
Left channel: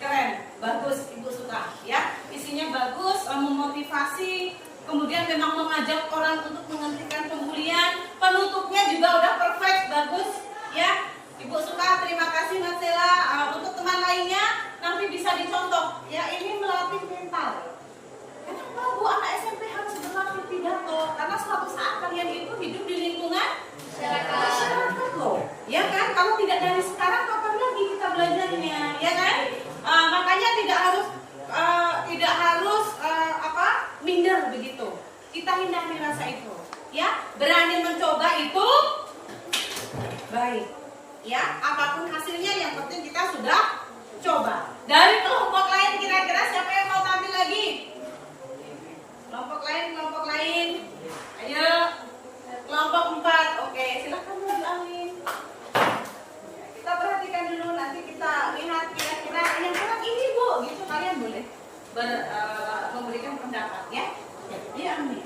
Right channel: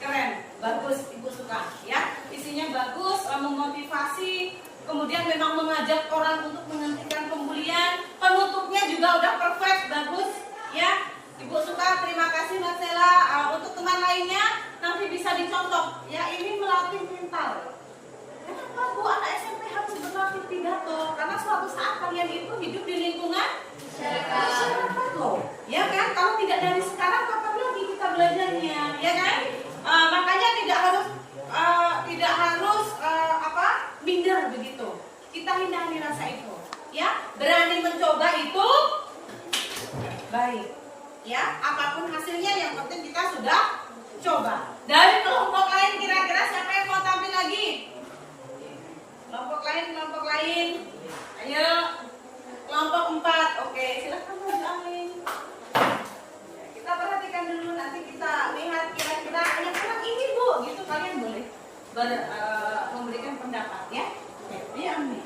keren, bagus, Ibu suka, ya. Isinya bagus, memotivasi. Kemudian memang mengajak orang untuk menghentikan pembulian. Penutupnya juga udah perfect, bagus, ya. Ibu suka, terima kasih Mas Sela. Untuk teman lainnya nanti bisa dicontoh, ya. Ini melatih mental. Kenapa Bu anak SMP harus berlatih pidato? Karena suatu saat kalian itu hidup di lingkungan masyarakat loh, ya kan? Kalau tidak dari sekarang, kapan lagi kita belajarnya, ya kan? Makanya tidak harus minder begitu. Kita hindari rasa itu, ya. Berani mencoba itu baik, ya. Apapun hasilnya, yang penting kita sudah coba. Dari kelompok lain kira-kira siapa yang mau tampil lagi? Kelompok lain. Ayo. Kelompok 4. Oke, silakan Bu Alin. Kita perhatikan dulu, nanti kita lihat kira-kira yang kurang ini Bu, gitu kalian boleh memberikan pendapat, ya. Iya, Amin.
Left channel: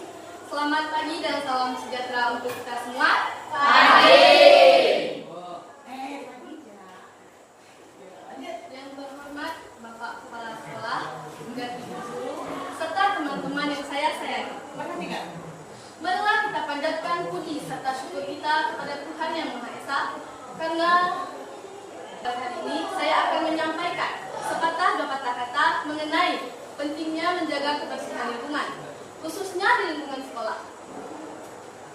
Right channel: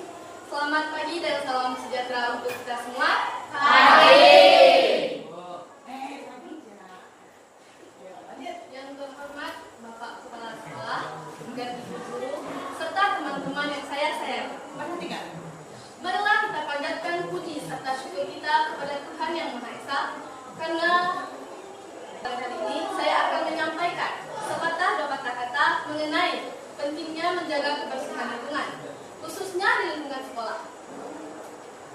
Selamat pagi dan salam sejahtera untuk kita semua. Yang terhormat Bapak Kepala Sekolah, dan Ibu Guru, serta teman-teman yang saya sayangi. Marilah kita panjatkan puji serta syukur kita kepada Tuhan Yang Maha Esa, karena hari ini saya akan menyampaikan sepatah dua patah kata mengenai pentingnya menjaga kebersihan lingkungan, khususnya di lingkungan sekolah.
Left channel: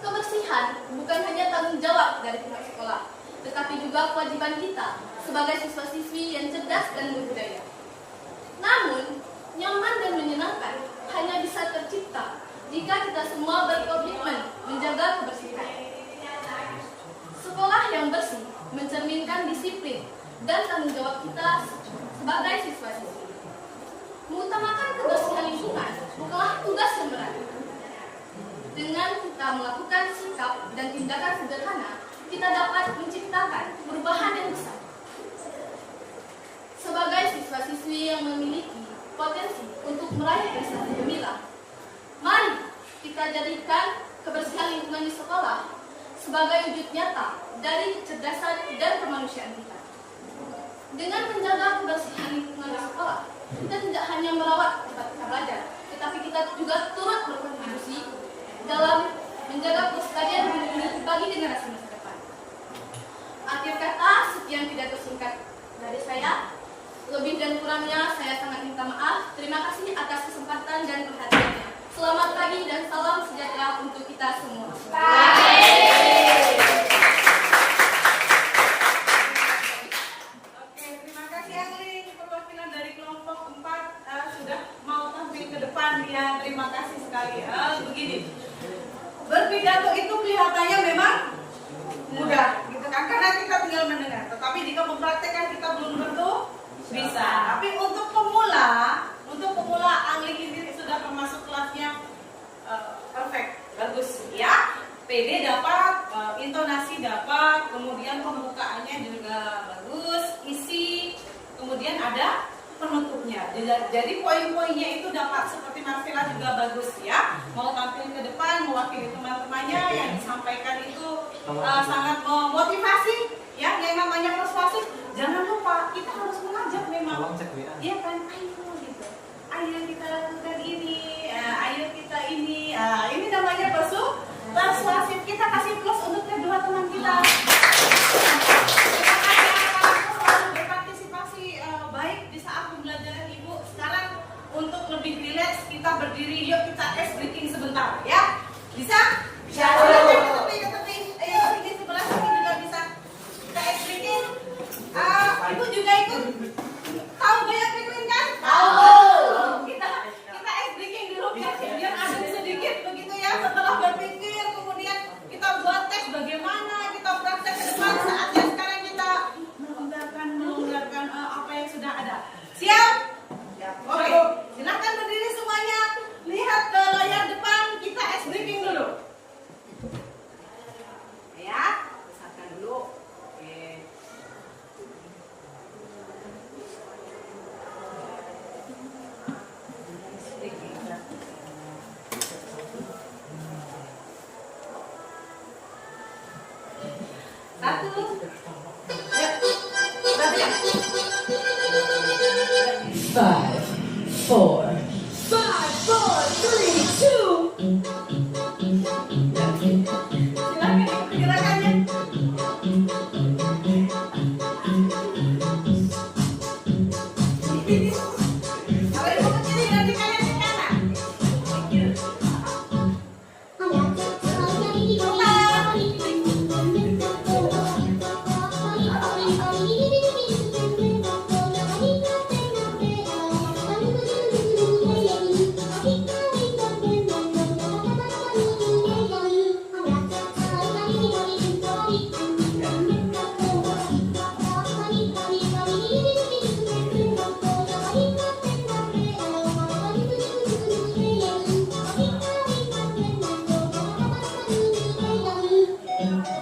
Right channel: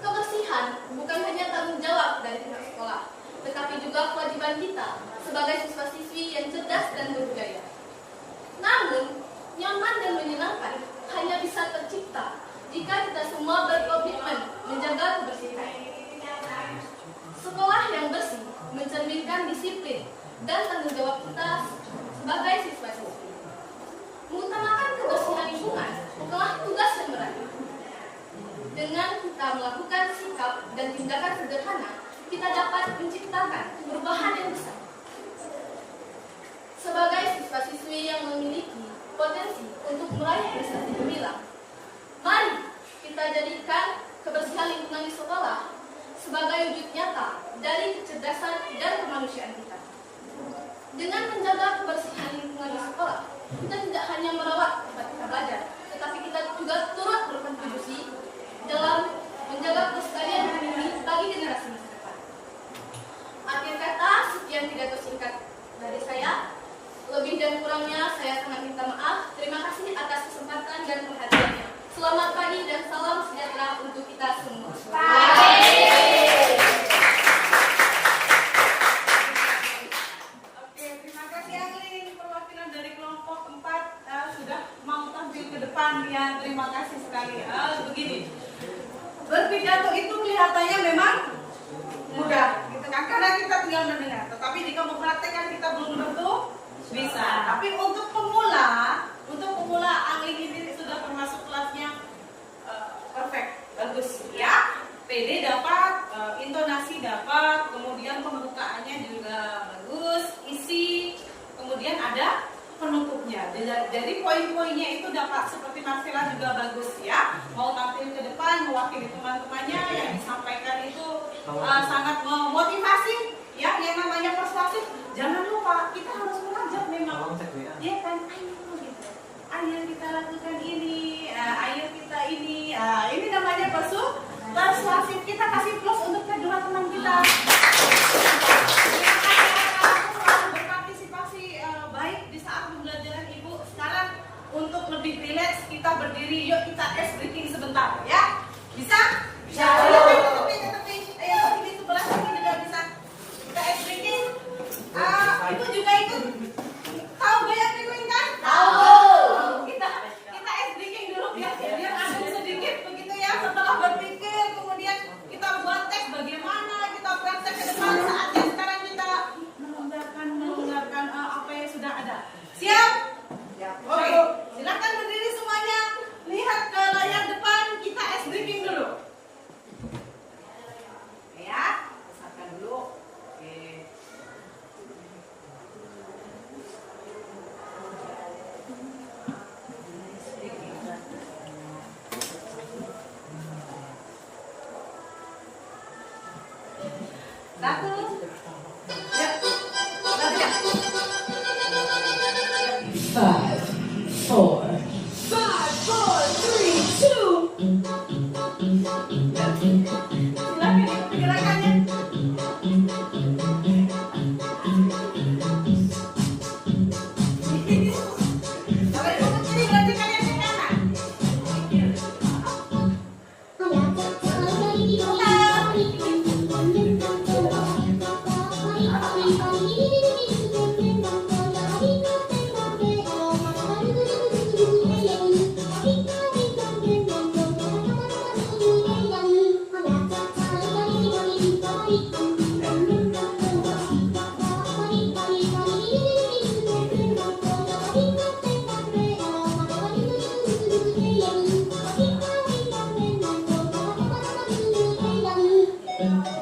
Kebersihan bukan hanya tanggung jawab dari pihak sekolah, tetapi juga kewajiban kita sebagai siswa-siswi yang cerdas dan berbudaya. Namun, nyaman dan menyenangkan hanya bisa tercipta jika kita semua berkomitmen menjaga kebersihan. Sekolah yang bersih mencerminkan disiplin dan tanggung jawab kita sebagai siswa-siswi. Mengutamakan kebersihan lingkungan bukanlah tugas yang berat. Dengan kita melakukan sikap dan tindakan sederhana, kita dapat menciptakan perubahan yang besar. Sebagai siswa-siswi yang memiliki potensi untuk meraih prestasi gemilang, mari kita jadikan kebersihan lingkungan di sekolah sebagai wujud nyata dari kecerdasan dan kemanusiaan kita. Dengan menjaga kebersihan lingkungan di sekolah, Lebih dan kurangnya saya sangat minta maaf. Terima kasih atas kesempatan dan perhatiannya. Selamat pagi dan salam sejahtera untuk kita semua. Oke, terima kasih Agling. Perwakilan dari kelompok 4 sudah mau tampil ke depan ya. Terima kasih sekali. Begini, berpidato itu kelihatannya memang mudah, gitu kan? Karena kita tinggal mendengar. Tetapi jika mempraktekkan kita belum tentu bisa. Tapi untuk pemula Agling ini sudah termasuk kelasnya perfect, bagus ya. PD dapat, intonasi dapat, kemudian pembukaannya juga bagus, isi, kemudian ada penutupnya. Jadi poin-poinnya itu dapat, seperti Marcella juga bagus ya. Mau tampil ke depan, mewakili teman-temannya, yang disampaikan itu sangat memotivasi ya. Yang namanya persuasif, jangan lupa kita harus mengajak memang. Iya kan, ayo gitu. Ayo kita lakukan ini, ayo kita ini. Ini namanya persuasif. Kita kasih plus untuk kedua teman kita. Terima kasih atas berpartisipasi baik di saat pembelajaran Ibu. Sekarang untuk lebih rileks kita berdiri. Yuk kita ice breaking sebentar ya. Bisa? Bisa. Ke tepi. Ayo di sebelah sini juga bisa. Kita ice breaking. Ibu juga ikut. Tahu gaya penguin kan? Tahu. Kita ice breaking dulu biar ada sedikit begitu ya. Setelah berpikir kemudian kita buat tes bagaimana kita praktek ke depan. Saatnya sekarang kita melonggarkan apa yang sudah ada. Siap? Oke. Silakan berdiri semuanya. Lihat ke layar depan. Kita ice breaking dulu. Ya, besarkan dulu. Oke. Satu. Ya. Berapa ya? 5, 4, 5, 4, 3, 2. Silakan ikut gerakannya. Kalau ibu berdiri nanti kalian ke kanan.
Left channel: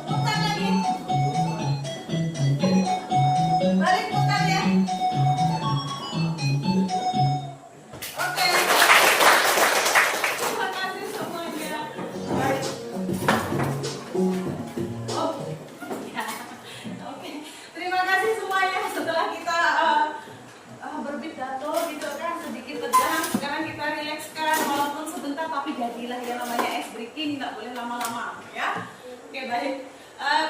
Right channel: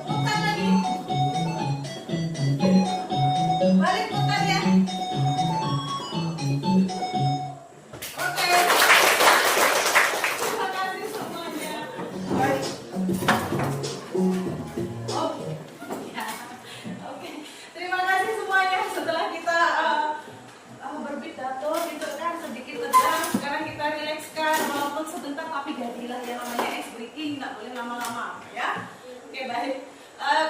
Putar lagi. Balik putar ya. Oke. Terima kasih semuanya. Baik. Ya. Oke. Terima kasih semuanya. Setelah kita berpidato gitu kan sedikit tegang, sekarang kita rilekskan walaupun sebentar tapi jadilah yang namanya ice breaking, nggak boleh lama-lama ya. Oke baik.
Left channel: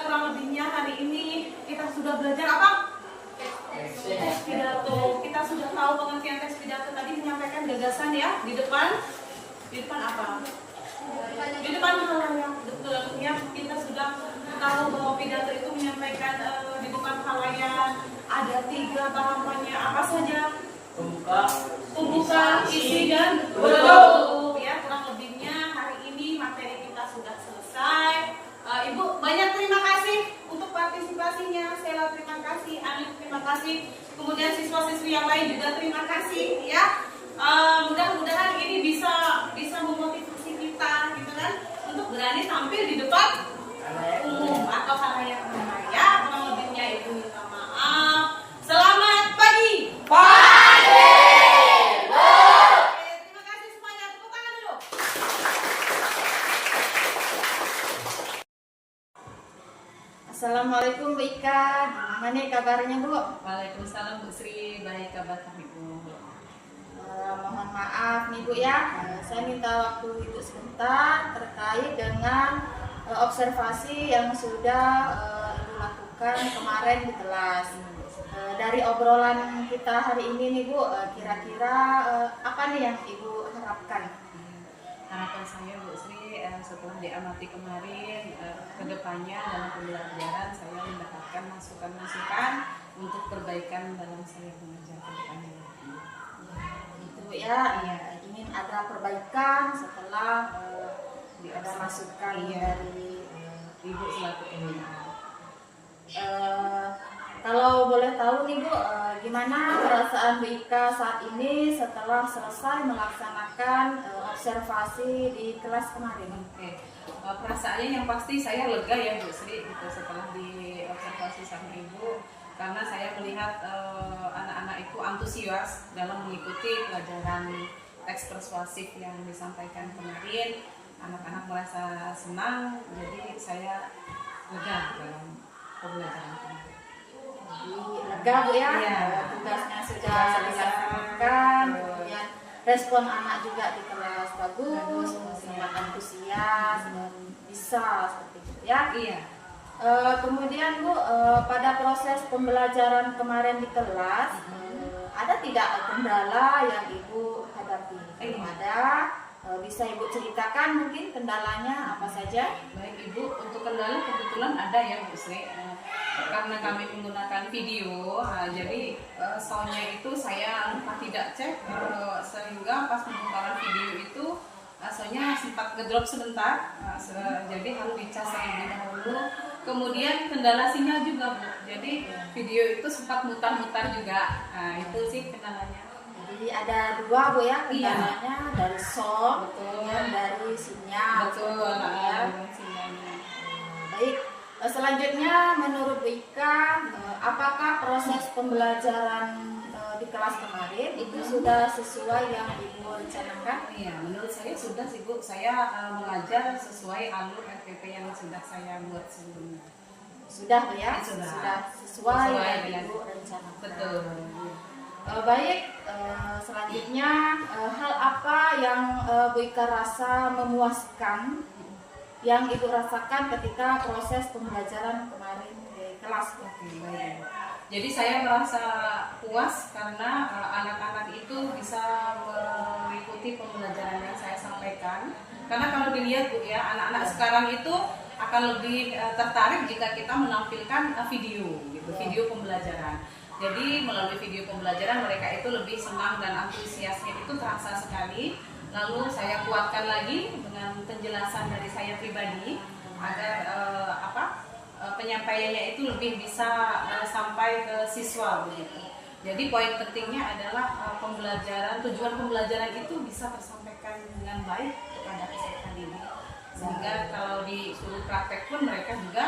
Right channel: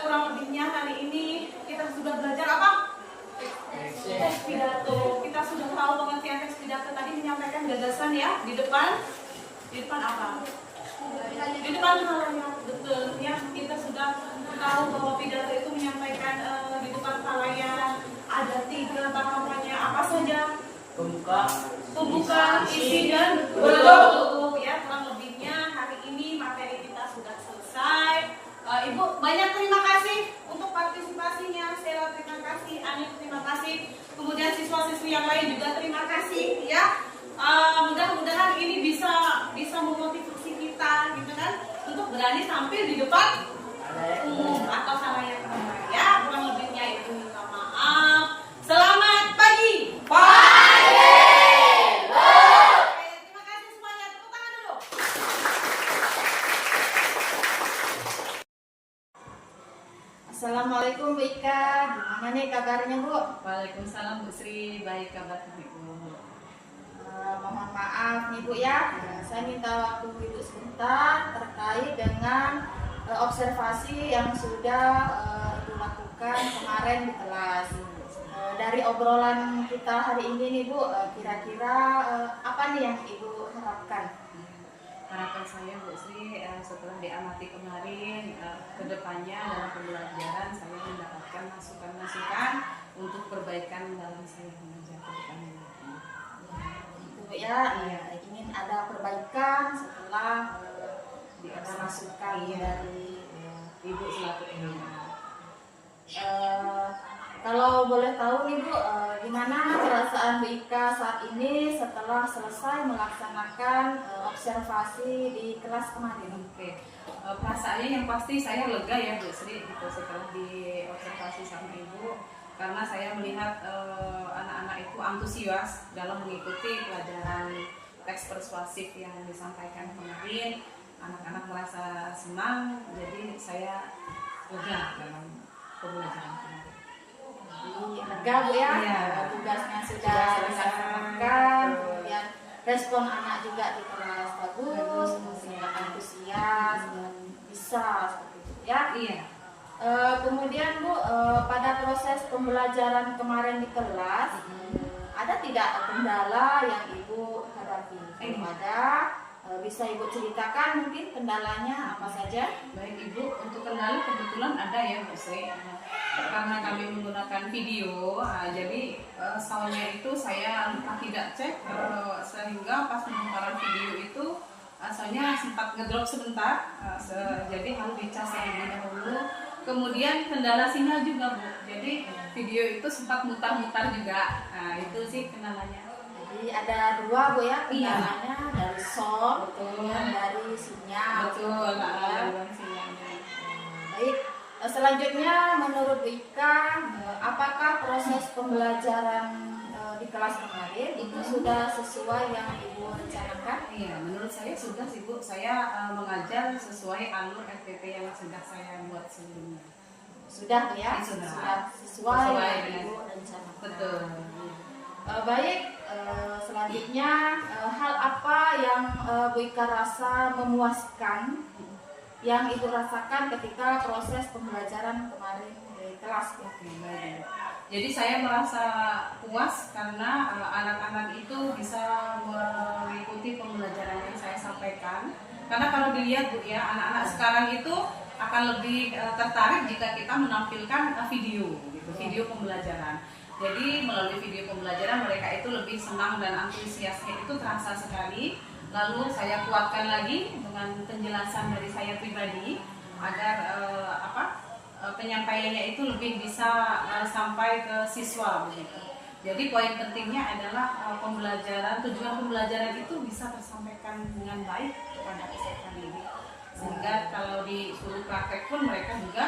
Kurang lebihnya hari ini kita sudah belajar apa? Tes pidato. Kita sudah tahu pengertian tes pidato tadi, menyampaikan gagasan ya di depan. Di depan apa? Di depan halayak, betul ya. Kita sudah tahu bahwa pidato itu menyampaikan di depan halayak. Ada 3 bahasannya, apa saja? Pembuka, isi dan penutup ya. Kurang lebihnya hari ini materi kita sudah selesai. Ibu banyak terima kasih untuk partisipasinya. Sela terima kasih, Ani terima kasih, kemudian siswa-siswi yang lain juga terima kasih ya. Mudah-mudahan ini bisa memotivasi kita gitu kan untuk berani tampil di depan umum atau halayak ramai ya. Kurang lebihnya itu minta maaf. Selamat pagi. Terima kasih semuanya. Tepuk tangan dulu. Assalamualaikum Bu Ika, gimana nih kabarnya Bu? Waalaikumsalam Bu Sri, baik kabar Ibu. Mohon maaf nih Bu ya, saya minta waktu Ibu sebentar terkait dengan observasi yang sudah Ibu lakukan kemarin di kelas. dari obrolan kita hari ini nih Bu, kira-kira apa nih yang Ibu harapkan? Harapan saya Bu Sri, setelah diamati kemarin, kedepannya dalam pembelajaran saya mendapatkan masukan-masukan untuk perbaikan dalam saya mengajar ke depannya. Itu ya, ingin ada perbaikan setelah ada masukan dari Ibu selaku pembina. Kalau boleh tahu nih Bu, gimana perasaan Bu Ika saat ini setelah selesai melaksanakan observasi di kelas kemarin? Oke. Perasaannya yang pasti saya lega ya Bu Sri gitu, setelah diobservasi sama Ibu, karena saya melihat anak-anak itu antusias dalam mengikuti pelajaran teks persuasif yang disampaikan kemarin. Anak-anak merasa senang, jadi saya lega dalam pembelajaran kemarin. Lega Bu ya, Iya. tugasnya sudah dilaksanakan, kemudian respon anak juga di kelas bagus, kemudian antusias dan bisa seperti itu ya. Iya. Kemudian Bu, pada proses pembelajaran kemarin di kelas, ada tidak kendala yang Ibu hadapi? Kalau ada, bisa Ibu ceritakan mungkin kendalanya apa saja? Baik Ibu, untuk kendala kebetulan ada ya Bu Sri. Karena kami menggunakan video, jadi soundnya itu saya entah tidak cek, sehingga pas pemutaran video itu soundnya sempat ngedrop sebentar, jadi harus dicas terlebih dahulu. Kemudian kendala sinyal juga Bu, jadi video itu sempat mutar-mutar juga. Nah, itu sih kendalanya. Jadi ada dua Bu ya kendalanya, dari sound, Betul. kemudian dari sinyal. Betul, Ya. sinyalnya. Baik, selanjutnya menurut Bu Ika, apakah proses pembelajaran di kelas kemarin itu sudah sesuai yang Ibu rencanakan? Iya, menurut saya sudah sih Bu. Saya mengajar sesuai alur RPP yang sudah saya buat sebelumnya. Sudah Bu ya? Sudah. Sesuai Sesuai yang dengan- Ibu rencanakan. Betul. Baik, selanjutnya hal apa yang Bu Ika rasa memuaskan yang Ibu rasakan ketika proses pembelajaran kemarin di kelas? Oke, baik. Jadi saya merasa puas karena anak-anak itu bisa mengikuti pembelajaran yang saya sampaikan. Karena kalau dilihat Bu ya, anak-anak sekarang itu akan lebih tertarik jika kita menampilkan video gitu, video pembelajaran. Jadi melalui video pembelajaran mereka itu lebih senang dan antusiasnya itu terasa sekali. Lalu saya kuatkan lagi dengan penjelasan dari saya pribadi agar penyampaiannya itu lebih bisa sampai ke siswa begitu. Jadi poin pentingnya adalah tujuan pembelajaran itu bisa tersampaikan dengan baik kepada peserta didik. Sehingga kalau disuruh praktek pun mereka juga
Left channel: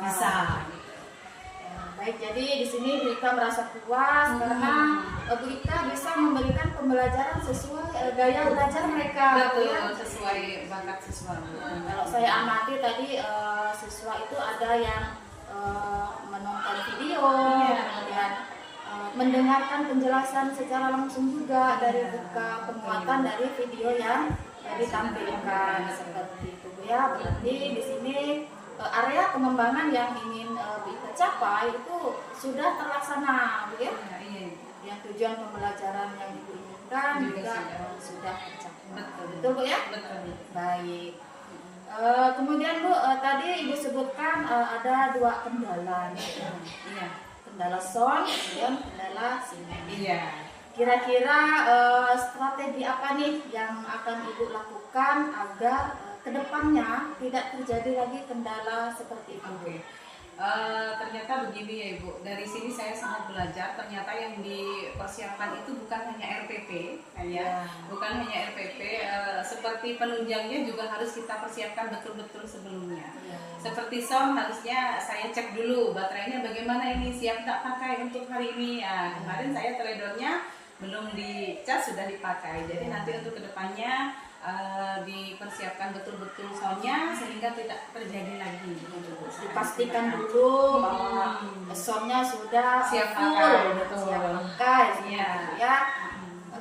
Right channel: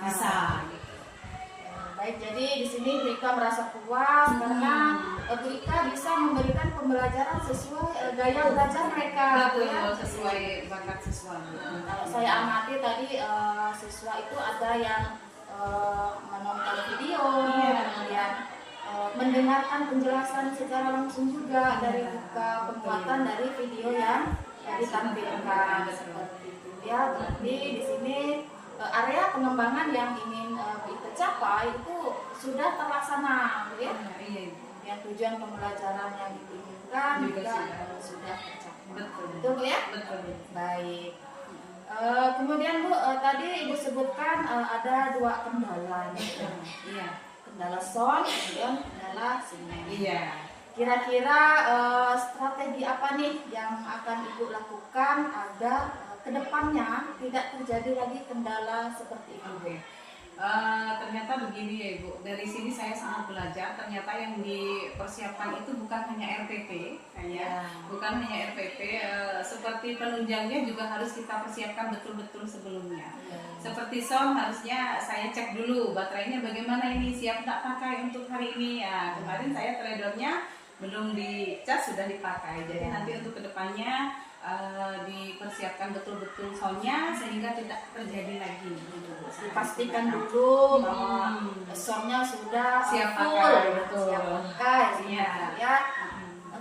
bisa. Gitu. Baik, jadi di sini Bu Ika merasa puas karena Bu Ika bisa memberikan pembelajaran sesuai gaya belajar mereka. Bu, ya. Betul, sesuai bakat siswa. Kalau saya amati tadi siswa itu ada yang menonton video, kemudian mendengarkan penjelasan secara langsung juga dari buka penguatan dari video yang ditampilkan seperti itu ya. Berarti di sini area pengembangan yang ingin Bu Ika capai itu sudah terlaksana, Bu ya. Iya. Yang tujuan pembelajaran yang Ibu inginkan juga sudah tercapai. Betul Bu ya. Betul. Baik. Kemudian Bu, tadi Ibu sebutkan ada dua kendala, Iya. kendala sound, kemudian kendala sinyal. Iya. Kira-kira strategi apa nih yang akan Ibu lakukan agar kedepannya tidak terjadi lagi kendala seperti itu? Oke. Ternyata begini ya Ibu, dari sini saya sangat belajar ternyata yang dipersiapkan itu bukan hanya RPP bukan hanya RPP, seperti penunjangnya juga harus kita persiapkan betul-betul sebelumnya. Seperti sound harusnya saya cek dulu baterainya bagaimana ini, siap tak pakai untuk hari ini. Kemarin saya teledornya belum dicas sudah dipakai, jadi nanti untuk kedepannya dipersiapkan betul-betul soundnya sehingga tidak terjadi lagi. Dipastikan dulu bahwa soundnya sudah Siap full, pakai, betul. siap pakai, Iya. ya.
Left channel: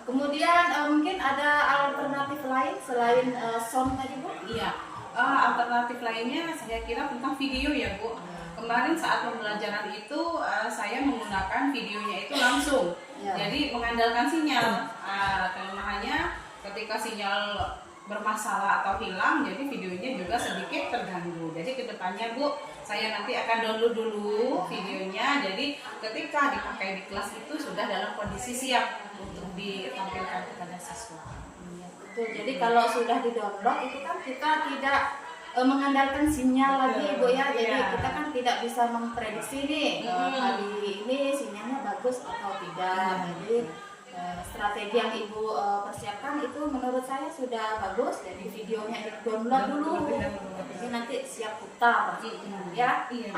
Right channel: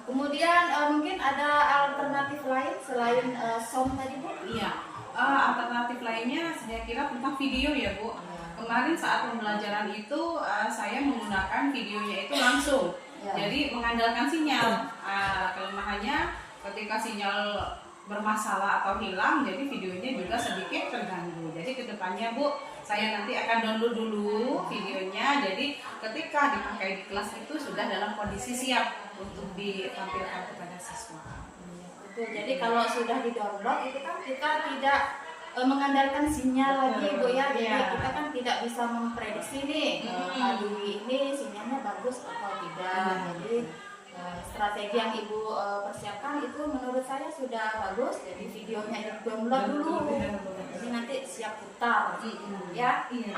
Kemudian mungkin ada alternatif lain selain sound tadi Bu? Iya, alternatif lainnya saya kira tentang video ya Bu. kemarin saat pembelajaran itu saya menggunakan videonya itu langsung. Ya. Jadi mengandalkan sinyal. Kelemahannya ketika sinyal bermasalah atau hilang, jadi videonya juga sedikit terganggu. Jadi kedepannya Bu, saya nanti akan download dulu videonya. Jadi ketika dipakai di kelas itu sudah dalam kondisi siap untuk ditampilkan kepada siswa. Betul. Jadi kalau sudah di-download itu kan kita tidak mengandalkan sinyal lagi Bu ya. Jadi Iya. kita kan tidak bisa memprediksi nih hari ini sinyalnya bagus atau tidak. Jadi strategi yang Ibu persiapkan itu menurut saya sudah bagus. Jadi videonya di-download dulu. Jadi nanti siap putar ya. Iya.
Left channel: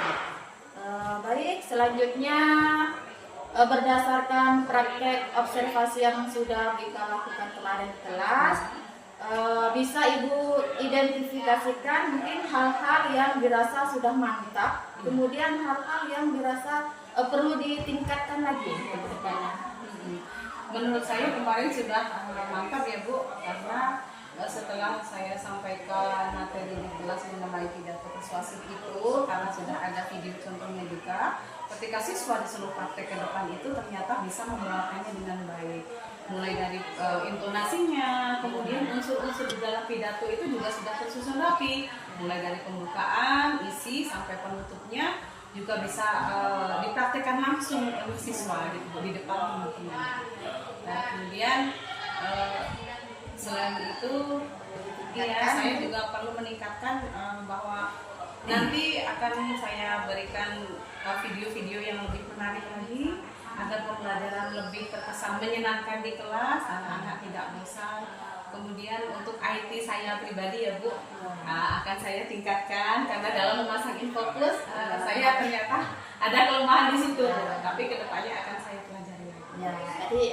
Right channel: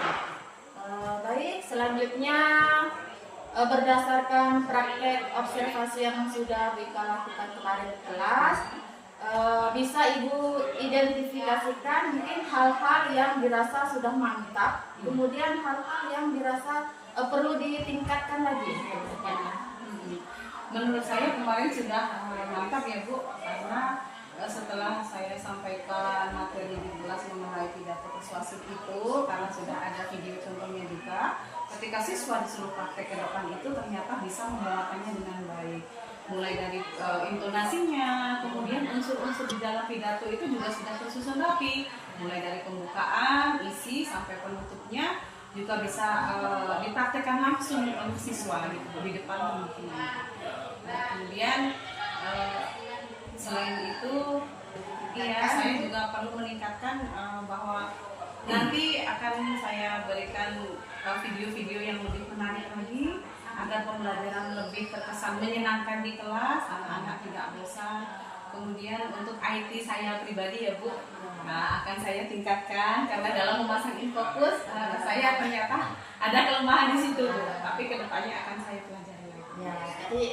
Baik, selanjutnya berdasarkan praktek observasi yang sudah kita lakukan kemarin di kelas, bisa Ibu identifikasikan mungkin hal-hal yang dirasa sudah mantap, kemudian hal-hal yang dirasa perlu ditingkatkan lagi ke depannya. Menurut saya kemarin sudah mantap ya Bu, karena setelah saya sampaikan materi di kelas mengenai pidato persuasif itu, karena sudah ada video contohnya juga, ketika siswa disuruh praktek ke depan itu ternyata bisa membawakannya dengan baik. Mulai dari intonasinya, kemudian unsur-unsur di dalam pidato itu juga sudah tersusun rapi. Mulai dari pembukaan, isi, sampai penutupnya juga bisa dipraktekkan langsung oleh siswa di depan teman-teman. Nah, kemudian selain itu, ya saya juga perlu meningkatkan bahwa nanti akan saya berikan video-video yang lebih menarik lagi agar pembelajaran lebih terkesan menyenangkan di kelas, anak-anak tidak bosan. Kemudian untuk IT saya pribadi ya Bu, akan saya tingkatkan karena dalam memasang infokus saya ternyata ada kelemahan di situ, tapi kedepannya akan saya pelajari lagi. Ya, jadi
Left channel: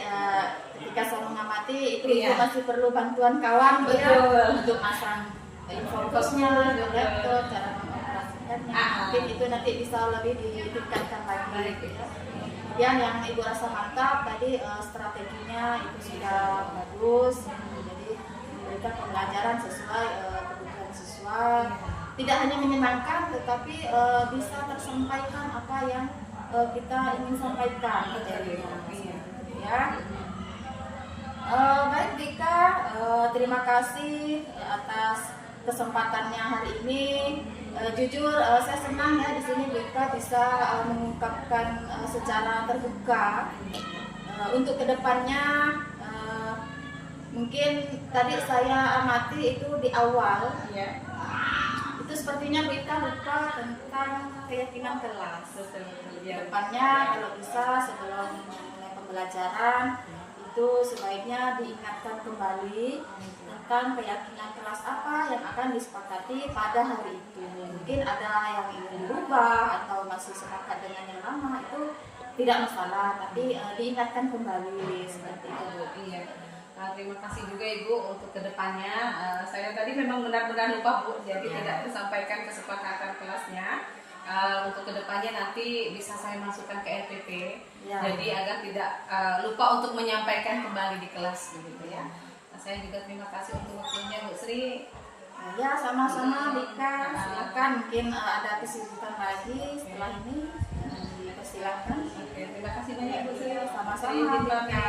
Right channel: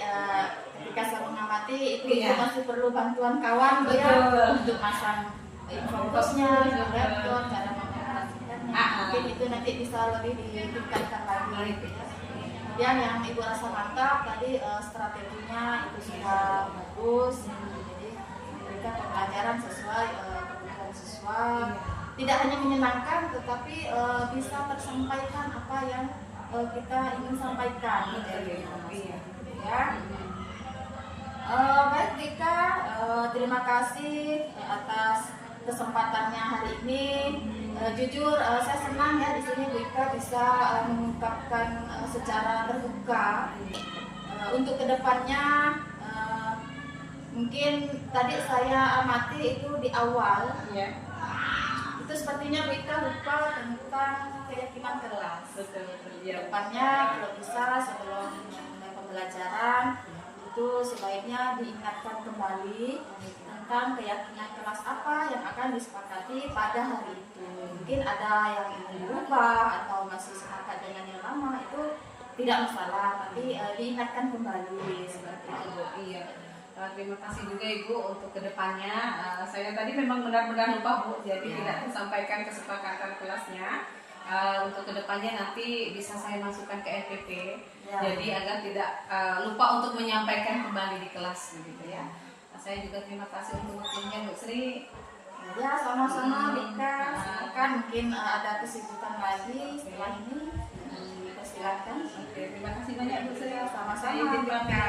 ketika saya mengamati itu Iya. pasti perlu bantuan kawan Bu, ya, Betul. untuk masang infokusnya, laptop, cara mengoperasikannya. Mungkin itu nanti bisa lebih ditingkatkan lagi. Ya. Kemudian yang Ibu rasa mantap tadi strateginya itu sudah bagus. Jadi memberikan pembelajaran sesuai kebutuhan siswa. Tidak hanya menyenangkan, tetapi bisa tersampaikan apa yang kita ingin sampaikan. Ya. Baik Dika, terima kasih atas kesempatannya hari ini. Jujur saya senang ya di sini Dika bisa mengungkapkan secara terbuka. Untuk kedepannya mungkin tadi saya amati itu di awal. Ya. Itu sepertinya Dika lupa tentang keyakinan kelas. Betul. Ya. Depannya kalau bisa sebelum mulai pembelajaran itu sebaiknya diingatkan kembali tentang keyakinan kelas apa yang akan disepakati pada hari itu. Mungkin ada yang ingin dirubah atau masih sepakat dengan yang lama, itu tidak masalah, tapi diingatkan kembali seperti itu. Iya. Terima kasih juga Ibu untuk kedepannya. Saya tadi memang benar-benar lupa Bu, jadi tidak tersampaikan kesepakatan kelasnya. Untuk kedepannya nanti bisa saya masukkan ke RPP, jadi agar tidak lupa untuk menyampaikan kembali di kelas begitu ya. Saya juga terima kasih untuk waktunya Bu Sri. Ya, sama-sama Dika. Silakan, mungkin ada kesibukan lagi setelah ini. Silakan. Oke, terima kasih banyak Bu Sri. Sama-sama Saya izin pamit. Dika.